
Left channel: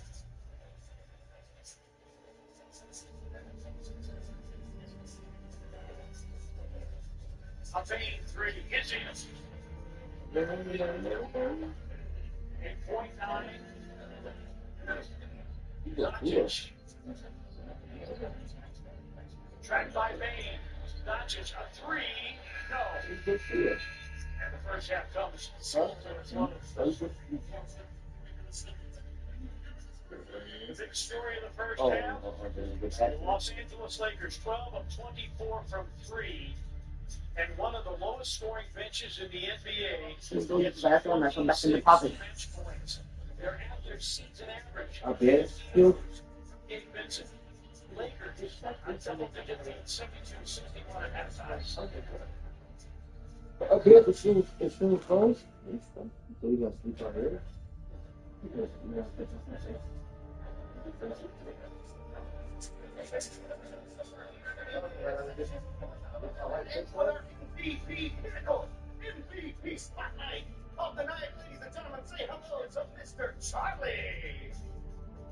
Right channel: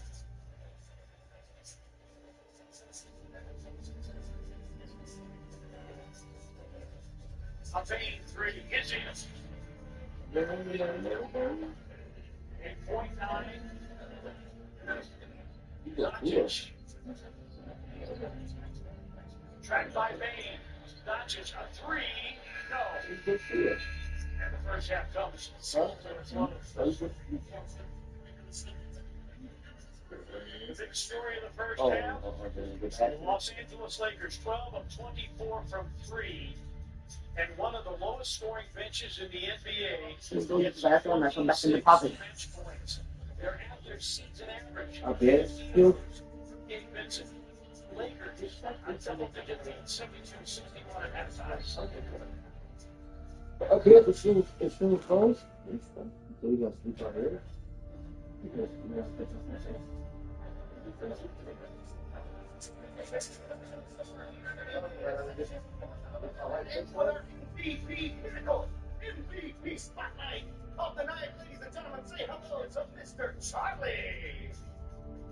A Bain three is in. 8.9. Doncic. Tracked by Bain. Doncic, a three. No. And the first half comes. The big story of the first half. The Los Angeles Lakers, 12 of 24 from 3. And one of the lowest scoring benches in the NBA. Let's go get the bathroom and come back in the pocket. Bench points. They're at their season average. Okay. You. Gabe Vincent. Lakers on double-digit lead, 72-61 at halftime. Up here, the shoe closed. So we got to sleep out here. MVP Pinnacle, MVP Spotlight of the night, ladies and gentlemen. Say hello to Mr. Charlie.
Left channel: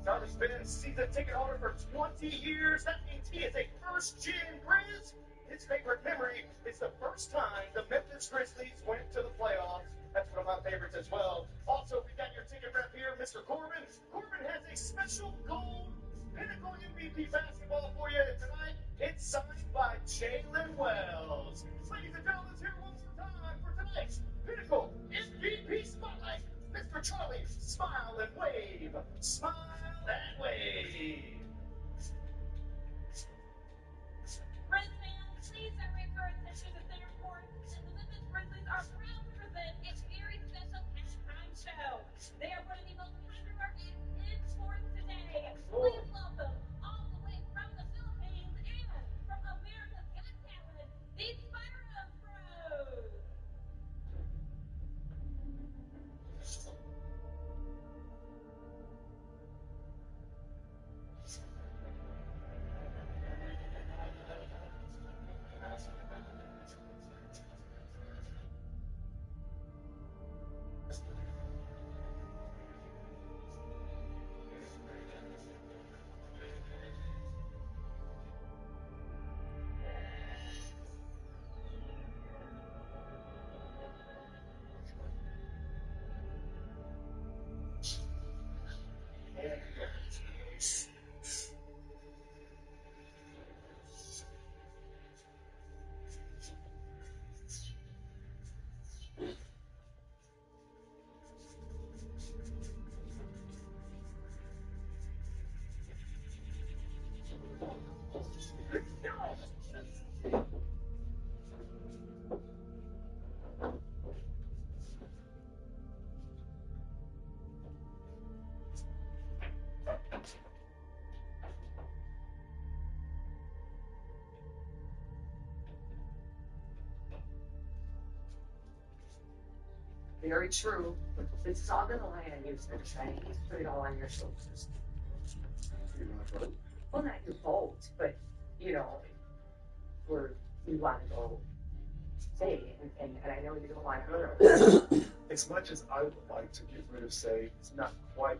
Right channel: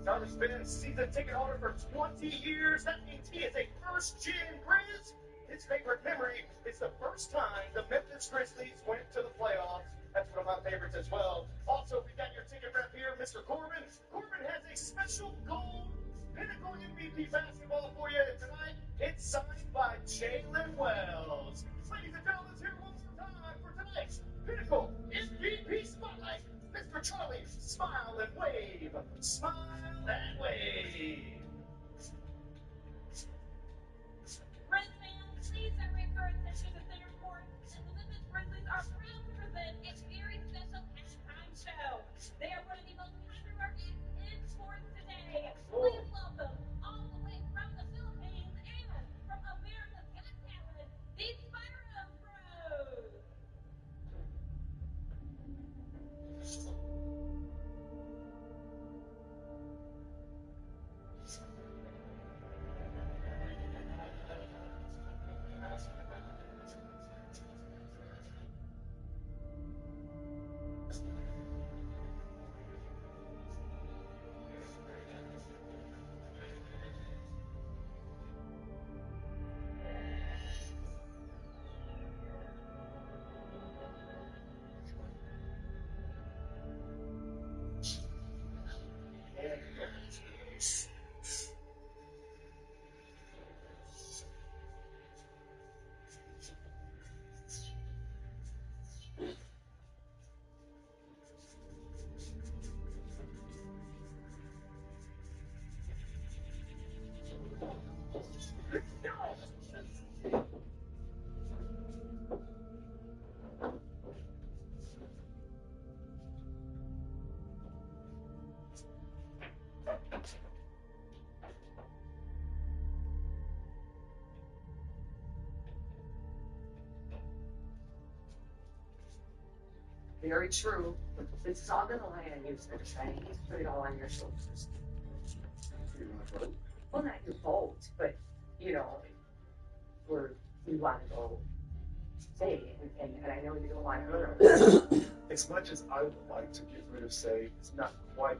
Charlie's been a season ticket holder for 20 years. That means he is a first-gen Grizz. His favorite memory is the first time the Memphis Grizzlies went to the playoffs. That's one of my favorites as well. Also, we got your ticket rep here, Mr. Corbin. Corbin has a special gold Pinnacle MVP basketball for you tonight. It's signed by Jalen Wells. Ladies and gentlemen, let's hear one more time for tonight's Pinnacle MVP Spotlight. Mr. Charlie, smile and wave. Smile and wave. Grizz fans, please direct your attention to center court. The Memphis Grizzlies are proud to present a very special halftime show. They are one of the most popular acts in sports today. Please welcome, all the way from the Philippines and from America's Got Talent, the Spyro Bros. Very true. This is all gonna land you, so to say. He's put it all on your shoulders. Well, not your fault, but, you know, we want to go say, and I know you don't want her. As much as I would like to get rid of Say, it's not quite.